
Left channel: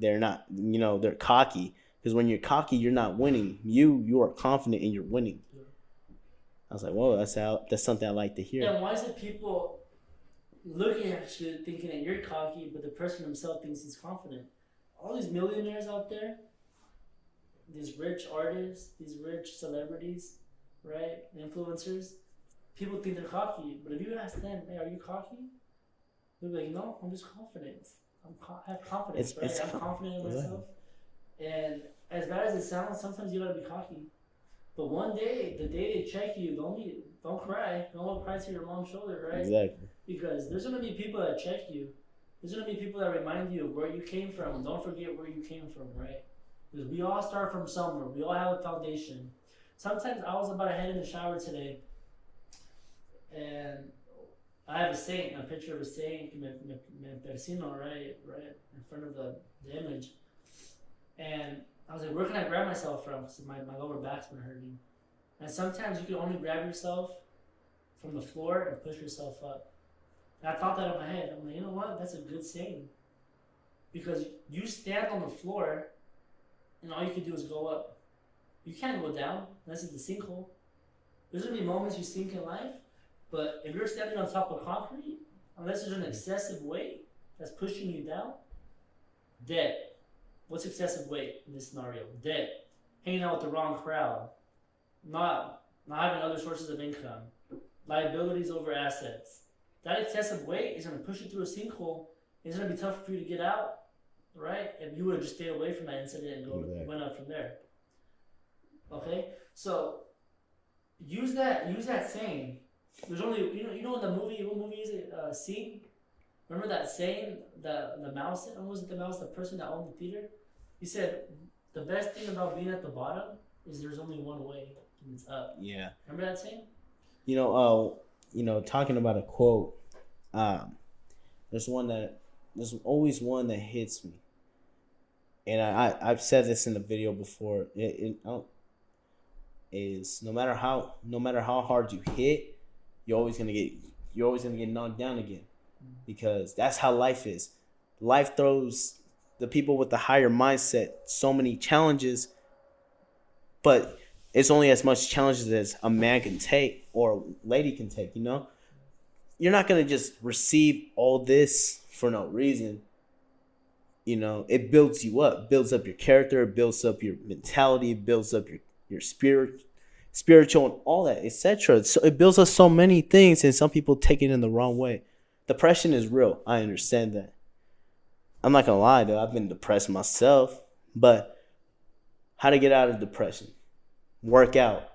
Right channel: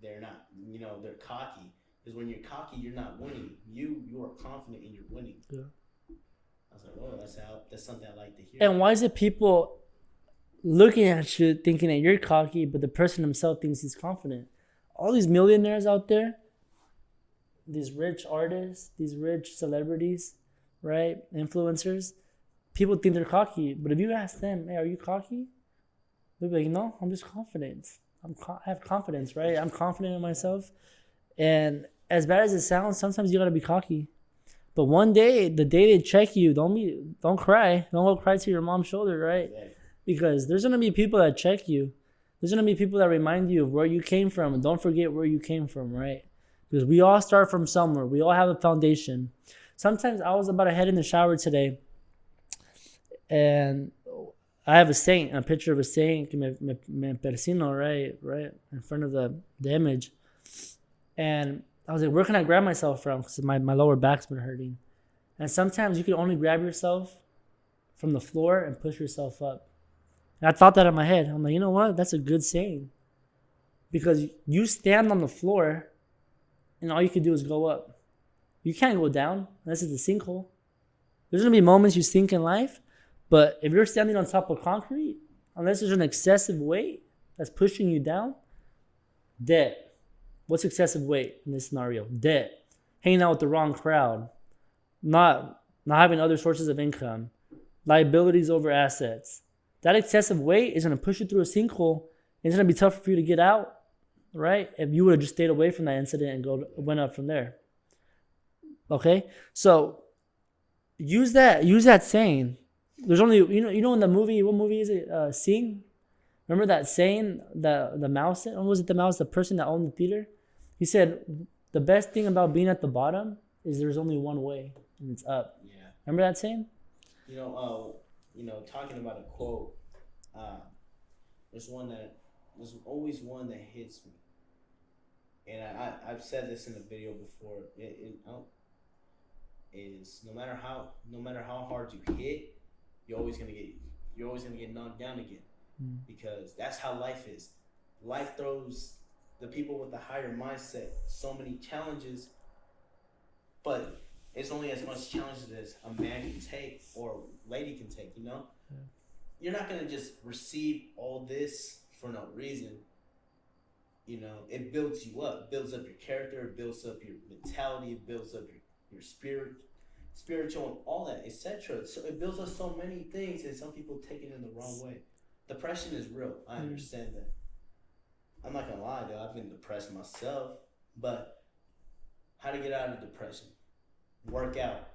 they're not, you know, they're cocky. Because when you're cocky, you're not winning. You are confident and you're winning. Yeah. I was like, whoa, that's something I like to hear. And why is it people looking at you thinking that you're cocky, but the person himself thinks he's confident? All these millionaires out there, these rich artists, these rich celebrities, right? Influencers, people think they're cocky. But if you ask them, hey, are you cocky? They'll be like, no, I'm just confident. I have confidence, right? I'm confident in myself. And as bad as it sounds, sometimes you gotta be cocky. But one day, the day they check you, don't cry. Don't go cry to your mom's shoulder, right? Exactly. Because there's gonna be people that check you. There's gonna be people that remind you of where you came from. And don't forget where you came from, right? Because we all start from somewhere. We all have a foundation. Sometimes I was about to head in the shower today, and I have a picture of a saint, me persino, right, in front of the image. And I was like, where can I grab myself from? Because my lower back's been hurting. And sometimes you can only grab yourself from the floor and push yourself up. And I thought that in my head. I'm like, you know what? That's a good saying. Because you stand on the floor and all you can do is go up. You can't go down unless it's a sinkhole. There's going to be moments you sink in life, but if you're standing on top of concrete, unless there's an excessive weight that's pushing you down, dead. What's excessive weight in this scenario? Debt. Hanging out with the wrong crowd. Not having other sources of income. Liabilities over assets. That excessive weight is going to push you through a sinkhole. It's going to be tough for you to get out, right? If you would have just stayed away from that incident and went up from there. Okay? So use that saying. There's only, you know in the movie, what movie is it? Sing? Remember that saying, the mouse, or was it the mouse, the person that owned the theater? He said, the best thing about being at the bottom is there's only one way, and it's up. Yeah. Remember that saying? You know, talking about a quote, there's always one that hits me. And I've said this in the video before. Is no matter how hard you hit, you're always gonna get knocked down again. Because that's how life is. Life throws the people with the higher mindset so many challenges, but it's only as much challenges as a man can take or a lady can take, you know? You're not going to just receive all this for no reason. You know, it builds you up, builds up your character, it builds up your mentality, it builds up your spiritual and all that, etc. So it builds up so many things, and some people take it in the wrong way. Depression is real. I understand that. I'm not gonna lie though. I've been depressed myself, but how to get out of depression. Work out.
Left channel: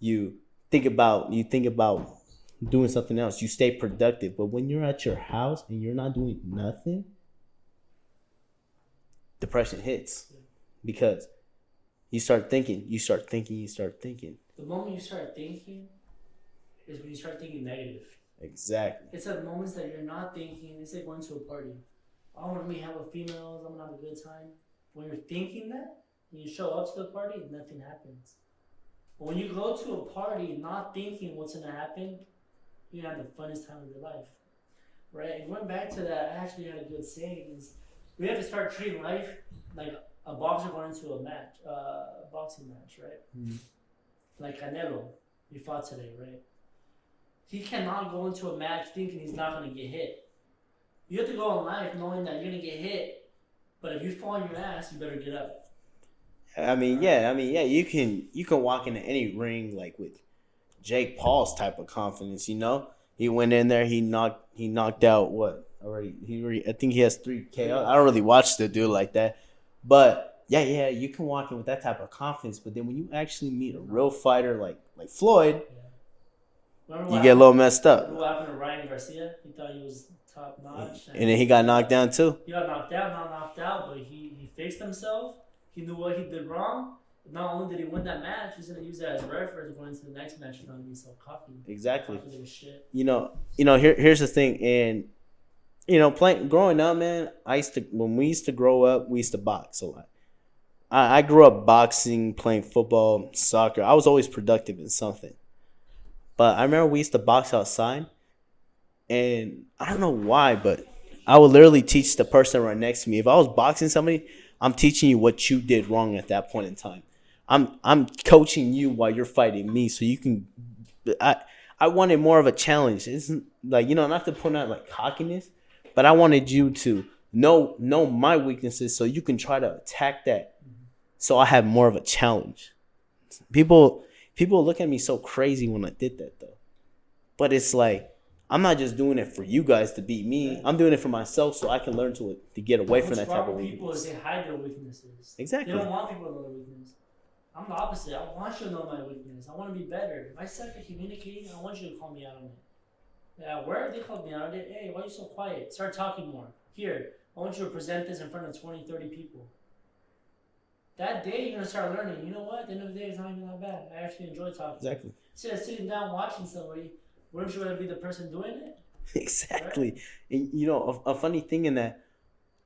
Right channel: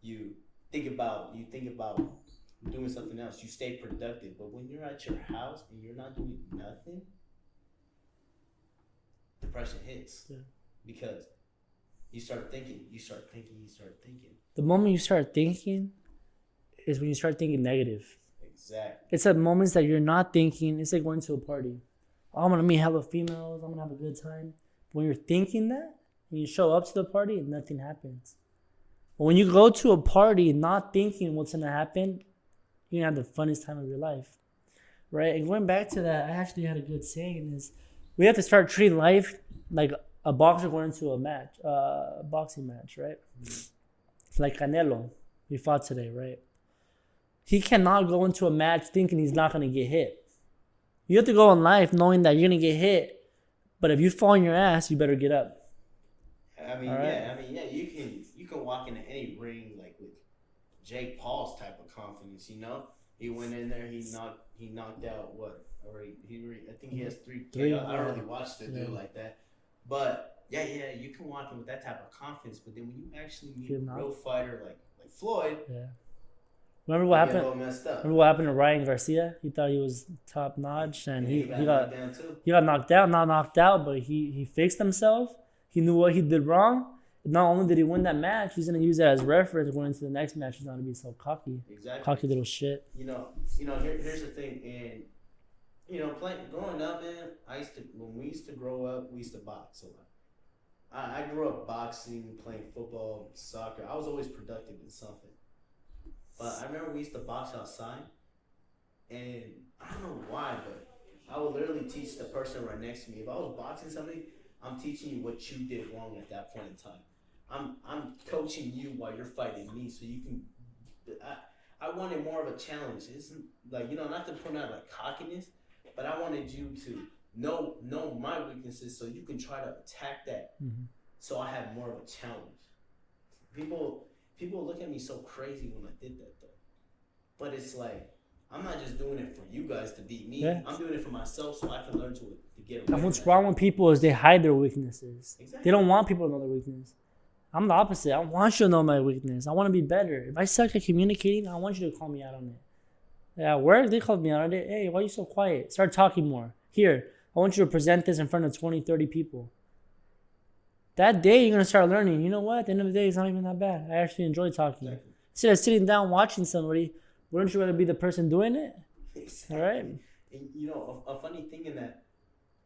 You think about doing something else. You stay productive. But when you're at your house and you're not doing nothing, depression hits. Yeah. Because you start thinking. The moment you start thinking is when you start thinking negative. Exactly. It's at moments that you're not thinking. It's like going to a party. Oh, I'm gonna meet hella females. I'm gonna have a good time. When you're thinking that, when you show up to the party, nothing happens. But when you go to a party not thinking what's gonna happen, you're gonna have the funnest time of your life, right? And going back to that, I actually had a good saying: is we have to start treating life like a boxer going into a boxing match, right? Mm-hmm. Like Canelo, he fought today, right? He cannot go into a match thinking he's not gonna get hit. You have to go in life knowing that you're gonna get hit, but if you fall on your ass, you better get up. I mean, right. You can walk into any ring like with Jake Paul's type of confidence. You know, he went in there, he knocked out what already? I think he has 3 KO. I don't really watch the dude like that, but yeah, you can walk in with that type of confidence. But then when you actually meet a real fighter like Floyd. Yeah. You get a little messed up. Remember what happened to Ryan Garcia? He thought he was top notch. And then he got knocked down too. He got knocked down, not knocked out, but he fixed himself. He knew what he did wrong. Not only did he win that match, he's going to use that as reference going into the next match. He's not going to be so cocky. Exactly. Cocky little shit. Here's the thing. And, growing up, man, when we used to grow up, we used to box a lot. I grew up boxing, playing football, soccer. I was always productive in something. But I remember we used to box outside, and I don't know why, but I would literally teach the person right next to me. If I was boxing somebody, I'm teaching you what you did wrong at that point in time. I'm coaching you while you're fighting me, so you can. I wanted more of a challenge. It's like, not to put out like cockiness, but I wanted you to know my weaknesses so you can try to attack that. Mm-hmm. So I have more of a challenge. People look at me so crazy when I did that, though. But it's like, I'm not just doing it for you guys to beat me. Yeah. I'm doing it for myself so I can learn to get away from that. What's wrong with people is they hide their weaknesses. Exactly. They don't want people to know their weakness. I'm the opposite. I want you to know my weakness. I want to be better. If I suck at communicating, I want you to call me out on it. At work, they called me out on it. Hey, why are you so quiet? Start talking more. Here, I want you to present this in front of 20, 30 people. That day, you're going to start learning, you know what? At the end of the day, it's not even that bad. I actually enjoy talking. Exactly. Instead of sitting down watching somebody, weren't you going to be the person doing it? Exactly. Right? And, a funny thing in that,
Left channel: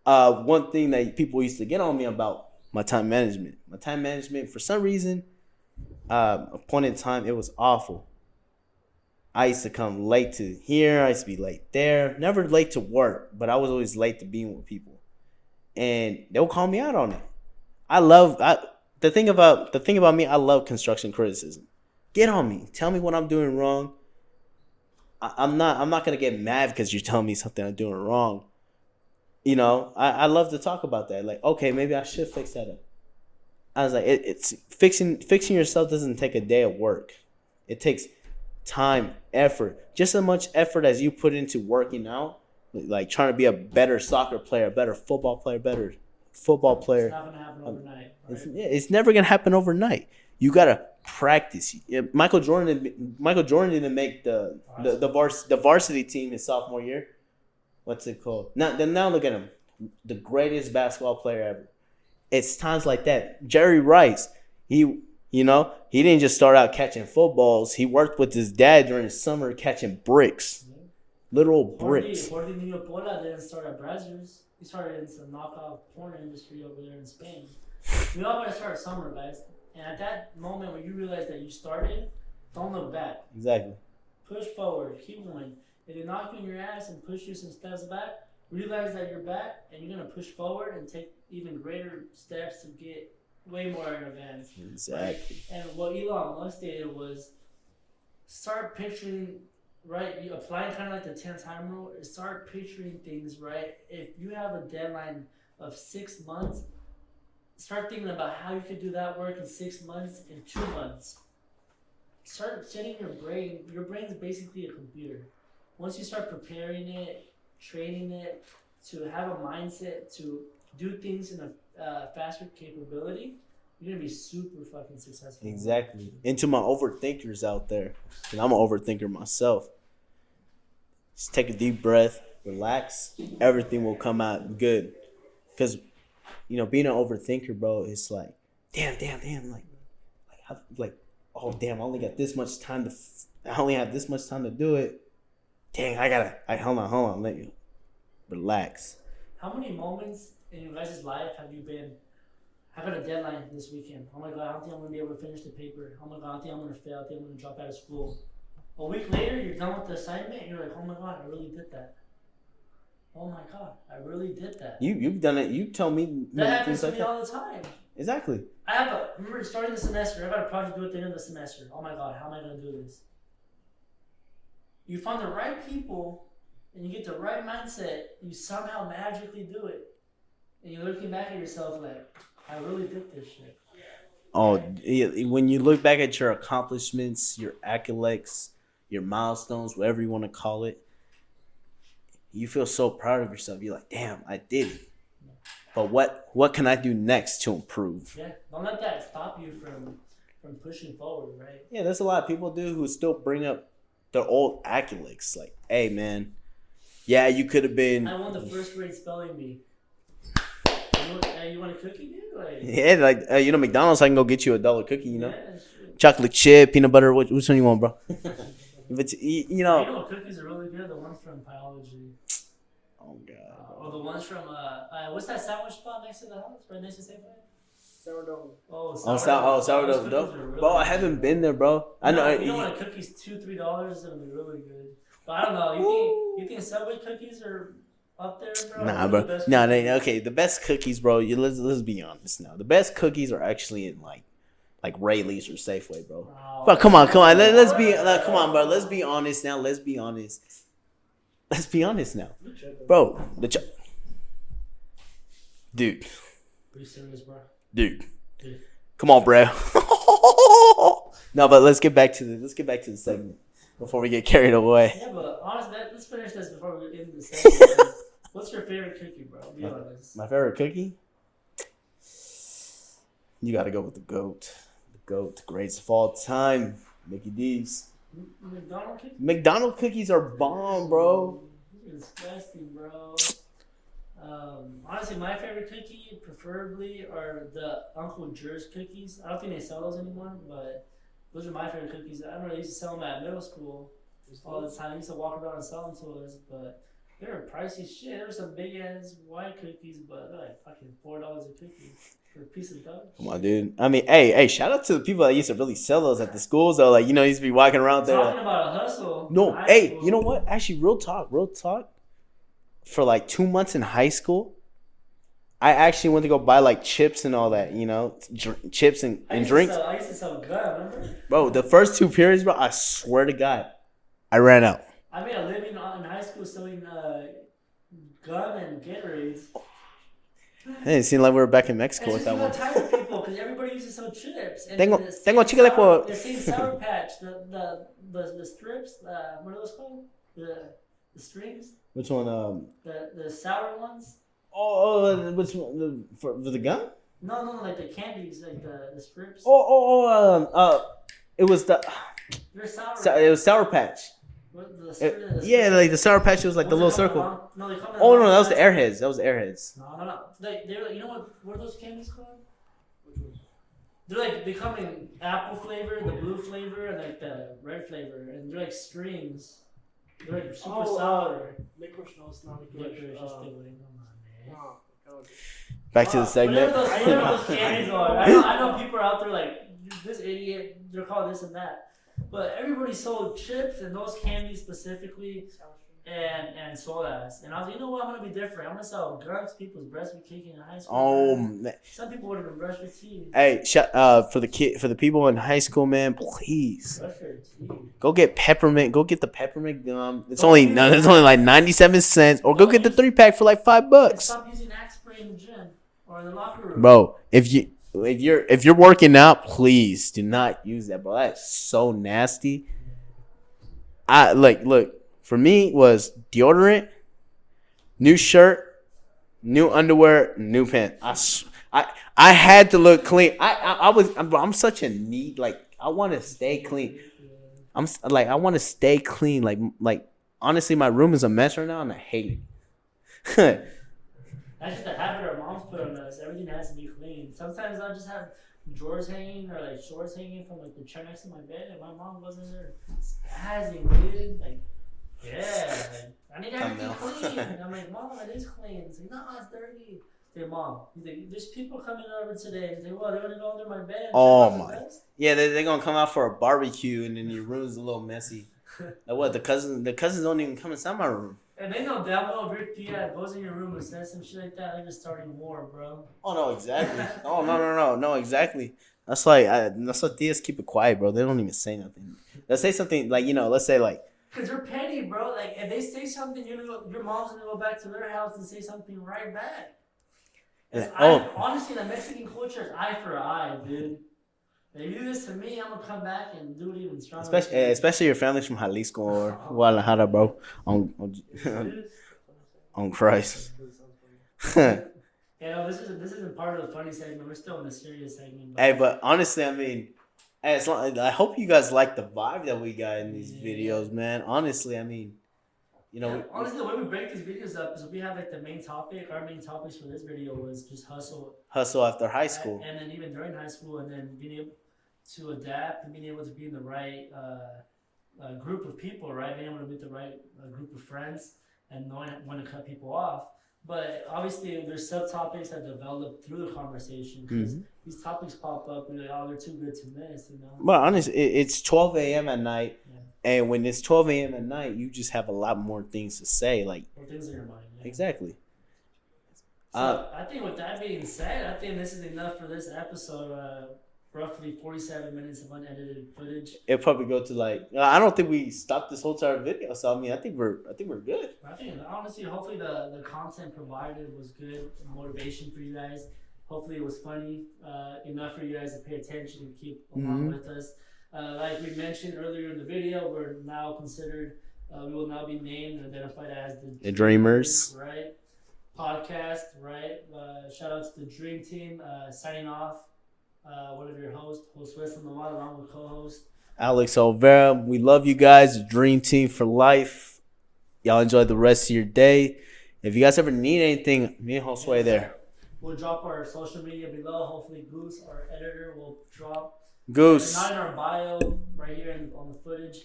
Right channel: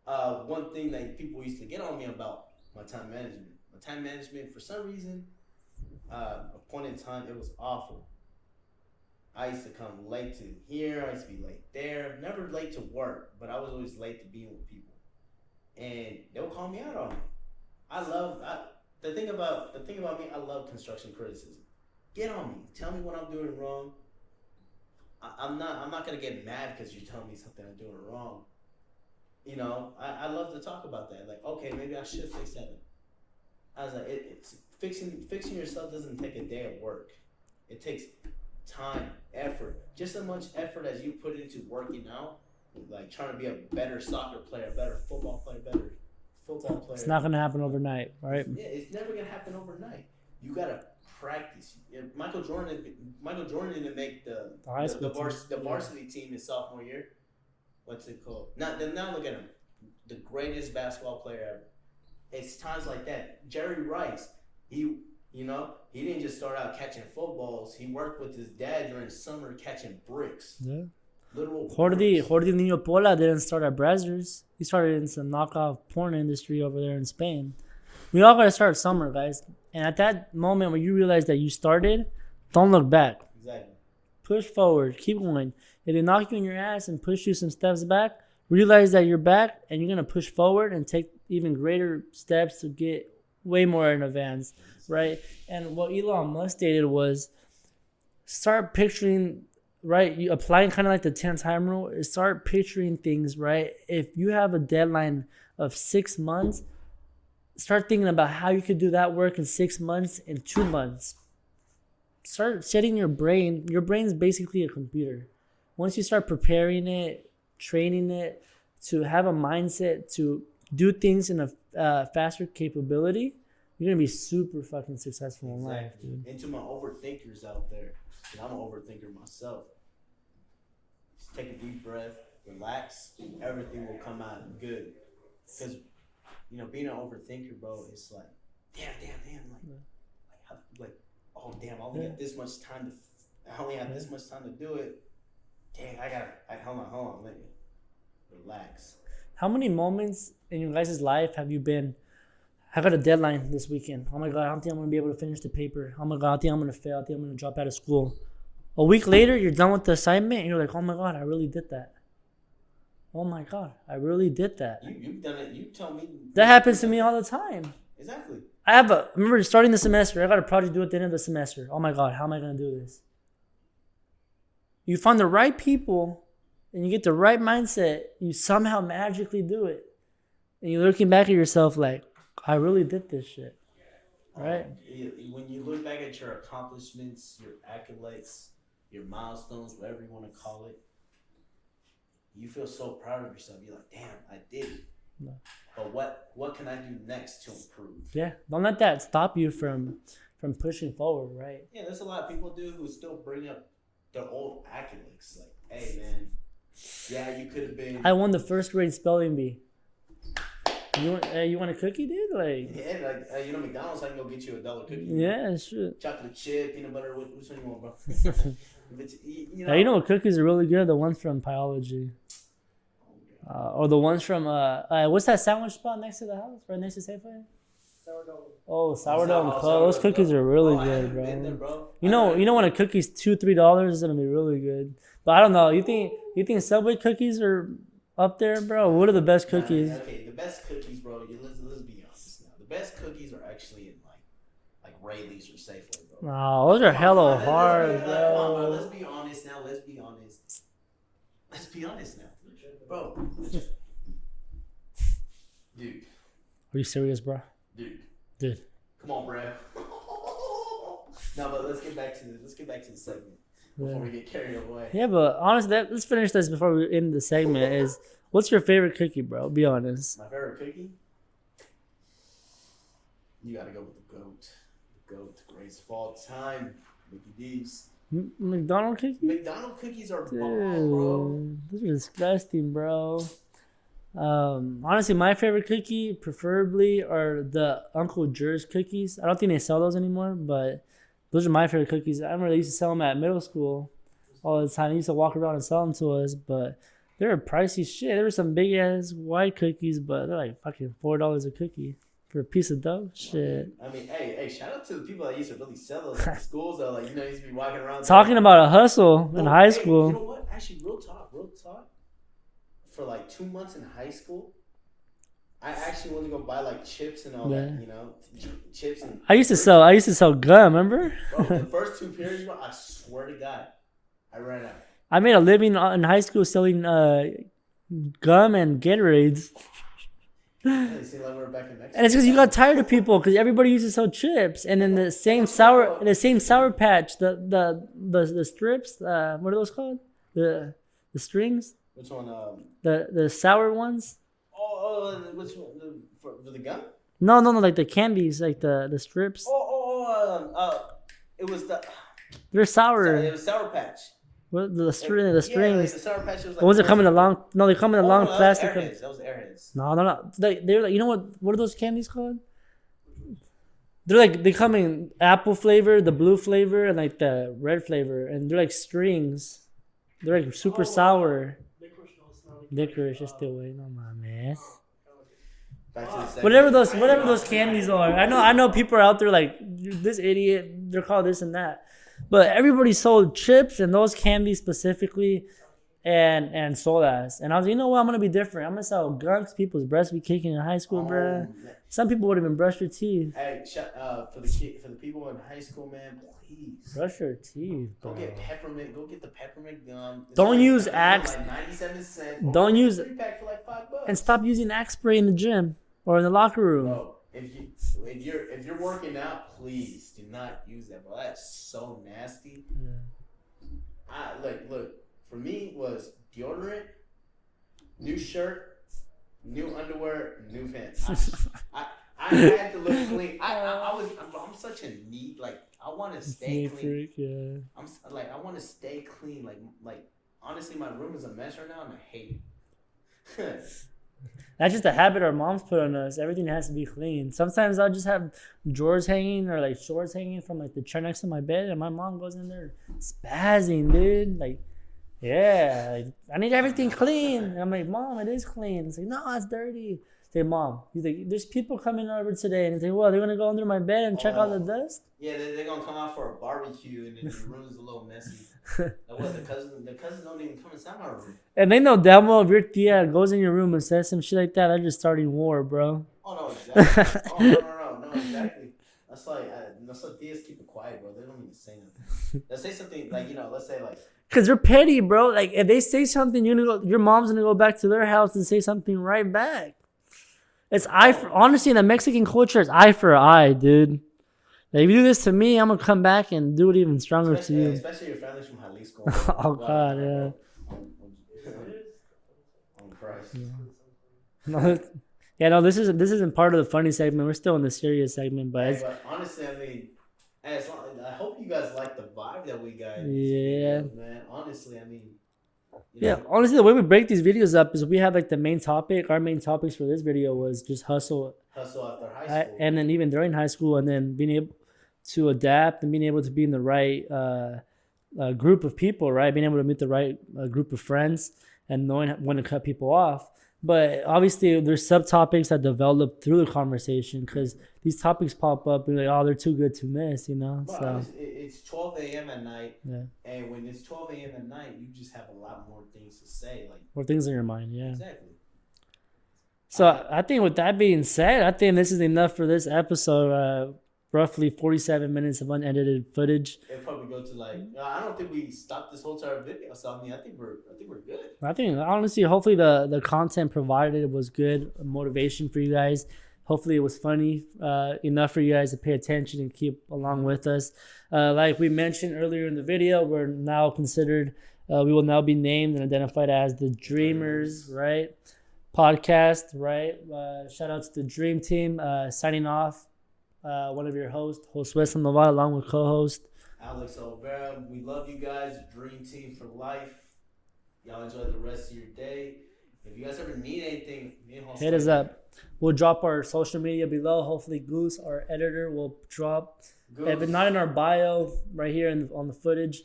one thing that people used to get on me about, my time management. My time management, for some reason, a point in time, it was awful. I used to come late to here. I used to be late there. Never late to work, but I was always late to being with people. And they'll call me out on it. The thing about me, I love construction criticism. Get on me. Tell me what I'm doing wrong. I'm not gonna get mad because you're telling me something I'm doing wrong. I love to talk about that. Like, okay, maybe I should fix that up. I was like, it's fixing yourself doesn't take a day of work. It takes time, effort, just as much effort as you put into working out, like trying to be a better soccer player, a better football player, It's not gonna happen overnight, right? It's never gonna happen overnight. You gotta practice. Michael Jordan didn't make the varsity team his sophomore year. What's it called? Now look at him, the greatest basketball player ever. It's times like that. Jerry Rice, he didn't just start out catching footballs. He worked with his dad during the summer catching bricks. Yeah. Literal bricks. Jordi Niño Pola didn't start at Brazzers. He started in some knockoff porn industry over there in Spain. We all gotta start somewhere, guys. And at that moment when you realize that you started, don't look back. Exactly. Push forward. Keep going. If they knock you in your ass and push you some steps back, realize that you're back and you're gonna push forward and take even greater steps to get way more in advance, exactly. Right? And what Elon Musk stated was, start picturing, right? You applying kind of like the 10-time rule. Start picturing things, right? If you have a deadline of 6 months, start thinking about how you could do that work in 6 months, in 2 months. Start setting your brain. Your brain's basically a computer. Once you start preparing it, training it to have a mindset to do things in a faster capability, you're gonna be super fucking successful. Exactly. And to my overthinkers out there, and I'm an overthinker myself. Just take a deep breath, relax. Everything will come out good. Because, you know, being an overthinker, bro, it's like, damn, oh damn, I only got this much time I only have this much time to do it. Dang, hold on, let me relax. How many moments in your guys' life have you been, I got a deadline this weekend. Oh my God, I don't think I'm going to be able to finish the paper. Oh my God, I think I'm going to fail. I think I'm going to drop out of school. A week later, you're done with the assignment and you're like, oh my God, I really did that. Oh my God, I really did that. You've done it. You tell me. That happens to me all the time. Exactly. I remember starting the semester, I got a project due at the end of the semester. Oh my God, how am I going to do this? You find the right people and you get the right mindset, you somehow magically do it. And you're looking back at yourself like, I really did this shit. Oh, right? When you look back at your accomplishments, your accolades, your milestones, whatever you want to call it, you feel so proud of yourself. You're like, damn, I did it. Yeah. But what can I do next to improve? Yeah, don't let that stop you from pushing forward, right? Yeah, there's a lot of people who still bring up their old accolades. Like, hey, man, yeah, you could have been. I won the first grade spelling bee. You want a cookie, dude? Like, yeah, like McDonald's. I can go get you $1 cookie. Yeah, sure. Chocolate chip, peanut butter. Which one you want, bro? If it's cookies are really good. The ones from Biology. Oh God. Or the ones from what's that sandwich spot next to the house, right next to Safeway? Sourdough. Oh, sourdough. Those cookies are really good. I haven't been there, bro. You know when a cookie's $2-3, it's gonna be really good. But I don't know. You think Subway cookies are up there, bro? What are the best cookies? Okay, the best cookies, bro. Let's be honest now. The best cookies are actually in like Rayleigh's or Safeway, bro. Oh, but come on. Let's be honest now. Let's be honest now, bro. Dude. Are you serious, bro? Dude. Come on, bro. No, but let's get back to the segment before we get carried away. Yeah, but honestly, let's finish this before we end the segment. What's your favorite cookie, bro? Be honest. My favorite cookie? You got to go with the GOAT. The greatest of all time, Mickey D's. McDonald's cookies? McDonald's cookies are bomb, bro. Those are disgusting, bro. Honestly, my favorite cookie, preferably, are the Uncle Jer's cookies. I don't think they sell those anymore, but those are my favorite cookies. I remember they used to sell them at middle school all the time. They used to walk around and sell them to us, but they were pricey shit. There were some big ass white cookies, but they're like fucking $4 a cookie for a piece of dough. Come on, dude. I mean, hey, shout out to the people that used to really sell those at the schools, though. Like, used to be walking around talking about a hustle in high school. You know what? Actually, real talk. For like 2 months in high school, I actually went to go buy like chips and all that, chips and I used drinks. I used to sell gum, remember? Bro, the first 2 periods, bro, I swear to God, I ran out. I made a living in high school selling gum and Gatorades. It seemed like we were back in Mexico. And it's because you got tired of people, because everybody used to sell chips, and then the same sour patch, the strips, what are those called? The strings. Which one? The sour ones. Oh, which one? For the gum? No, like the candies, like the strips. It was the. They're sour. It was Sour Patch. What the string? Yeah, like the Sour Patch was like. Was it coming along? No, they come in a long. No, that was the Airheads. No. They're like, you know what are those candies called? They're like, they come in apple flavor, the blue flavor, and like the red flavor, and they're like strings. They're like super sour. Licorice is still waiting on my man. Back to the segment. Whatever those candies are. I know people are out there like, this idiot, they're called this and that. But everybody sold chips and those candies specifically and sodas. And I was like, you know what, I'm gonna be different. I'm gonna sell gunks. People's breasts be kicking in high school, bro. Some people would have been brushed their teeth. Hey, for the people in high school, man, please brush your teeth. Go get peppermint. Go get the peppermint gum. It's only like 97 cents. Or go get the 3-pack for like $5. And stop using Axe spray in the gym or in the locker room, bro. If you're working out, please do not use that, bro. That's so nasty. Look. For me, was deodorant, new shirt, new underwear, new pants. I had to look clean. I'm such a neat, like, I want to stay clean. Yeah. I want to stay clean. Like honestly, my room is a mess right now, and I hate it. That's just a habit our moms put on us. Everything has to be clean. Sometimes I'll just have drawers hanging or like shorts hanging from like the chair next to my bed, and my mom goes in there spazzing, dude. Like, yeah, like, I need everything clean. And I'm like, Mom, it is clean. It's like, no, it's dirty. Say, Mom, he's like, there's people coming over today, and they say, well, they're gonna go under my bed and check on the dust. Yeah, they're gonna come out for a barbecue, and then your room's a little messy. Like what? The cousins don't even come inside my room. And they know damn well if your tia goes in your room and says some shit like that, they're just starting war, bro. Oh no, exactly. No, exactly. That's why tias keep it quiet, bro. They don't even say nothing. They'll say something like, let's say like, because they're petty, bro. Like if they say something, your mom's gonna go back to their house and say something right back. It's honestly, in the Mexican culture, it's eye for eye, dude. Like, if you do this to me, I'm gonna come back and do it even stronger. Especially your family's from Jalisco or Guadalajara, bro. On Christ. Yeah, no, this isn't part of the funny segment. We're still in the serious segment. But but honestly, I mean, I hope you guys like the vibe that we got in these videos, man. Honestly, I mean. Honestly, the way we break these videos up is we have like the main topic. Our main topics for this video was just hustle after high school, and then even during high school, and then being able to adapt and being able to be in the right group of people, right? Being able to meet the right group of friends and knowing when to cut people off. But obviously, there's subtopics that develop through the conversation because these topics pop up and like, oh, they're too good to miss, But honestly, it's 12 a.m. at night, and when it's 12 a.m. at night, you just have a lot more things to say, like more things in your mind. Yeah, exactly. So I think with that being said, I think this is enough for this episode. Roughly 47 minutes of unedited footage. It'll probably go to like I don't think we stopped this whole entire video, so I mean I think we're good. I think honestly, hopefully the content provided was good motivation for you guys. Hopefully it was funny enough for you guys to pay attention and keep along with us. Like we mentioned earlier in the video, we're now considered we will now be named and identified as the Dreamers, right? Podcast, right? Shout out to the Dream Team. Signing off. One of your hosts, Josué Sandoval, along with co-host Alex Olvera. We love you guys. Dream Team for life. Y'all enjoy the rest of your day. If you guys ever need anything, me and Josué there. We'll drop our social media below. Hopefully, Goose, our editor, will drop. Goose. If it's not in our bio, right here on the footage.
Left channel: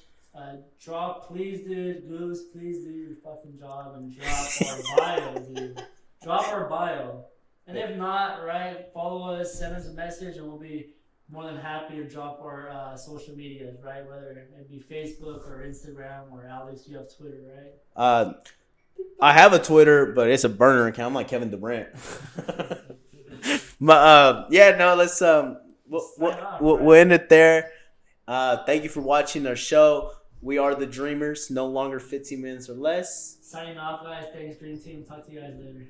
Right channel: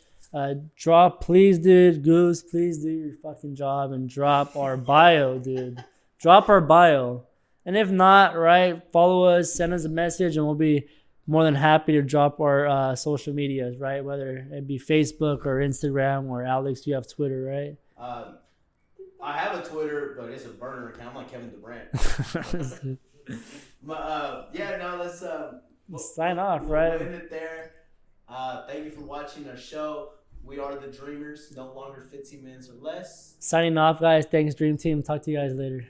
Drop, please, dude. Goose, please do your fucking job and drop our bio, dude. Drop our bio. And if not, right, follow us, send us a message, and we'll be more than happy to drop our social medias, right? Whether it be Facebook or Instagram or Alex, you have Twitter, right? I have a Twitter, but it's a burner account. I'm like Kevin Durant. But let's sign off. We'll end it there. Thank you for watching our show. We are the Dreamers, no longer 15 minutes or less. Signing off, guys. Thanks, Dream Team. Talk to you guys later.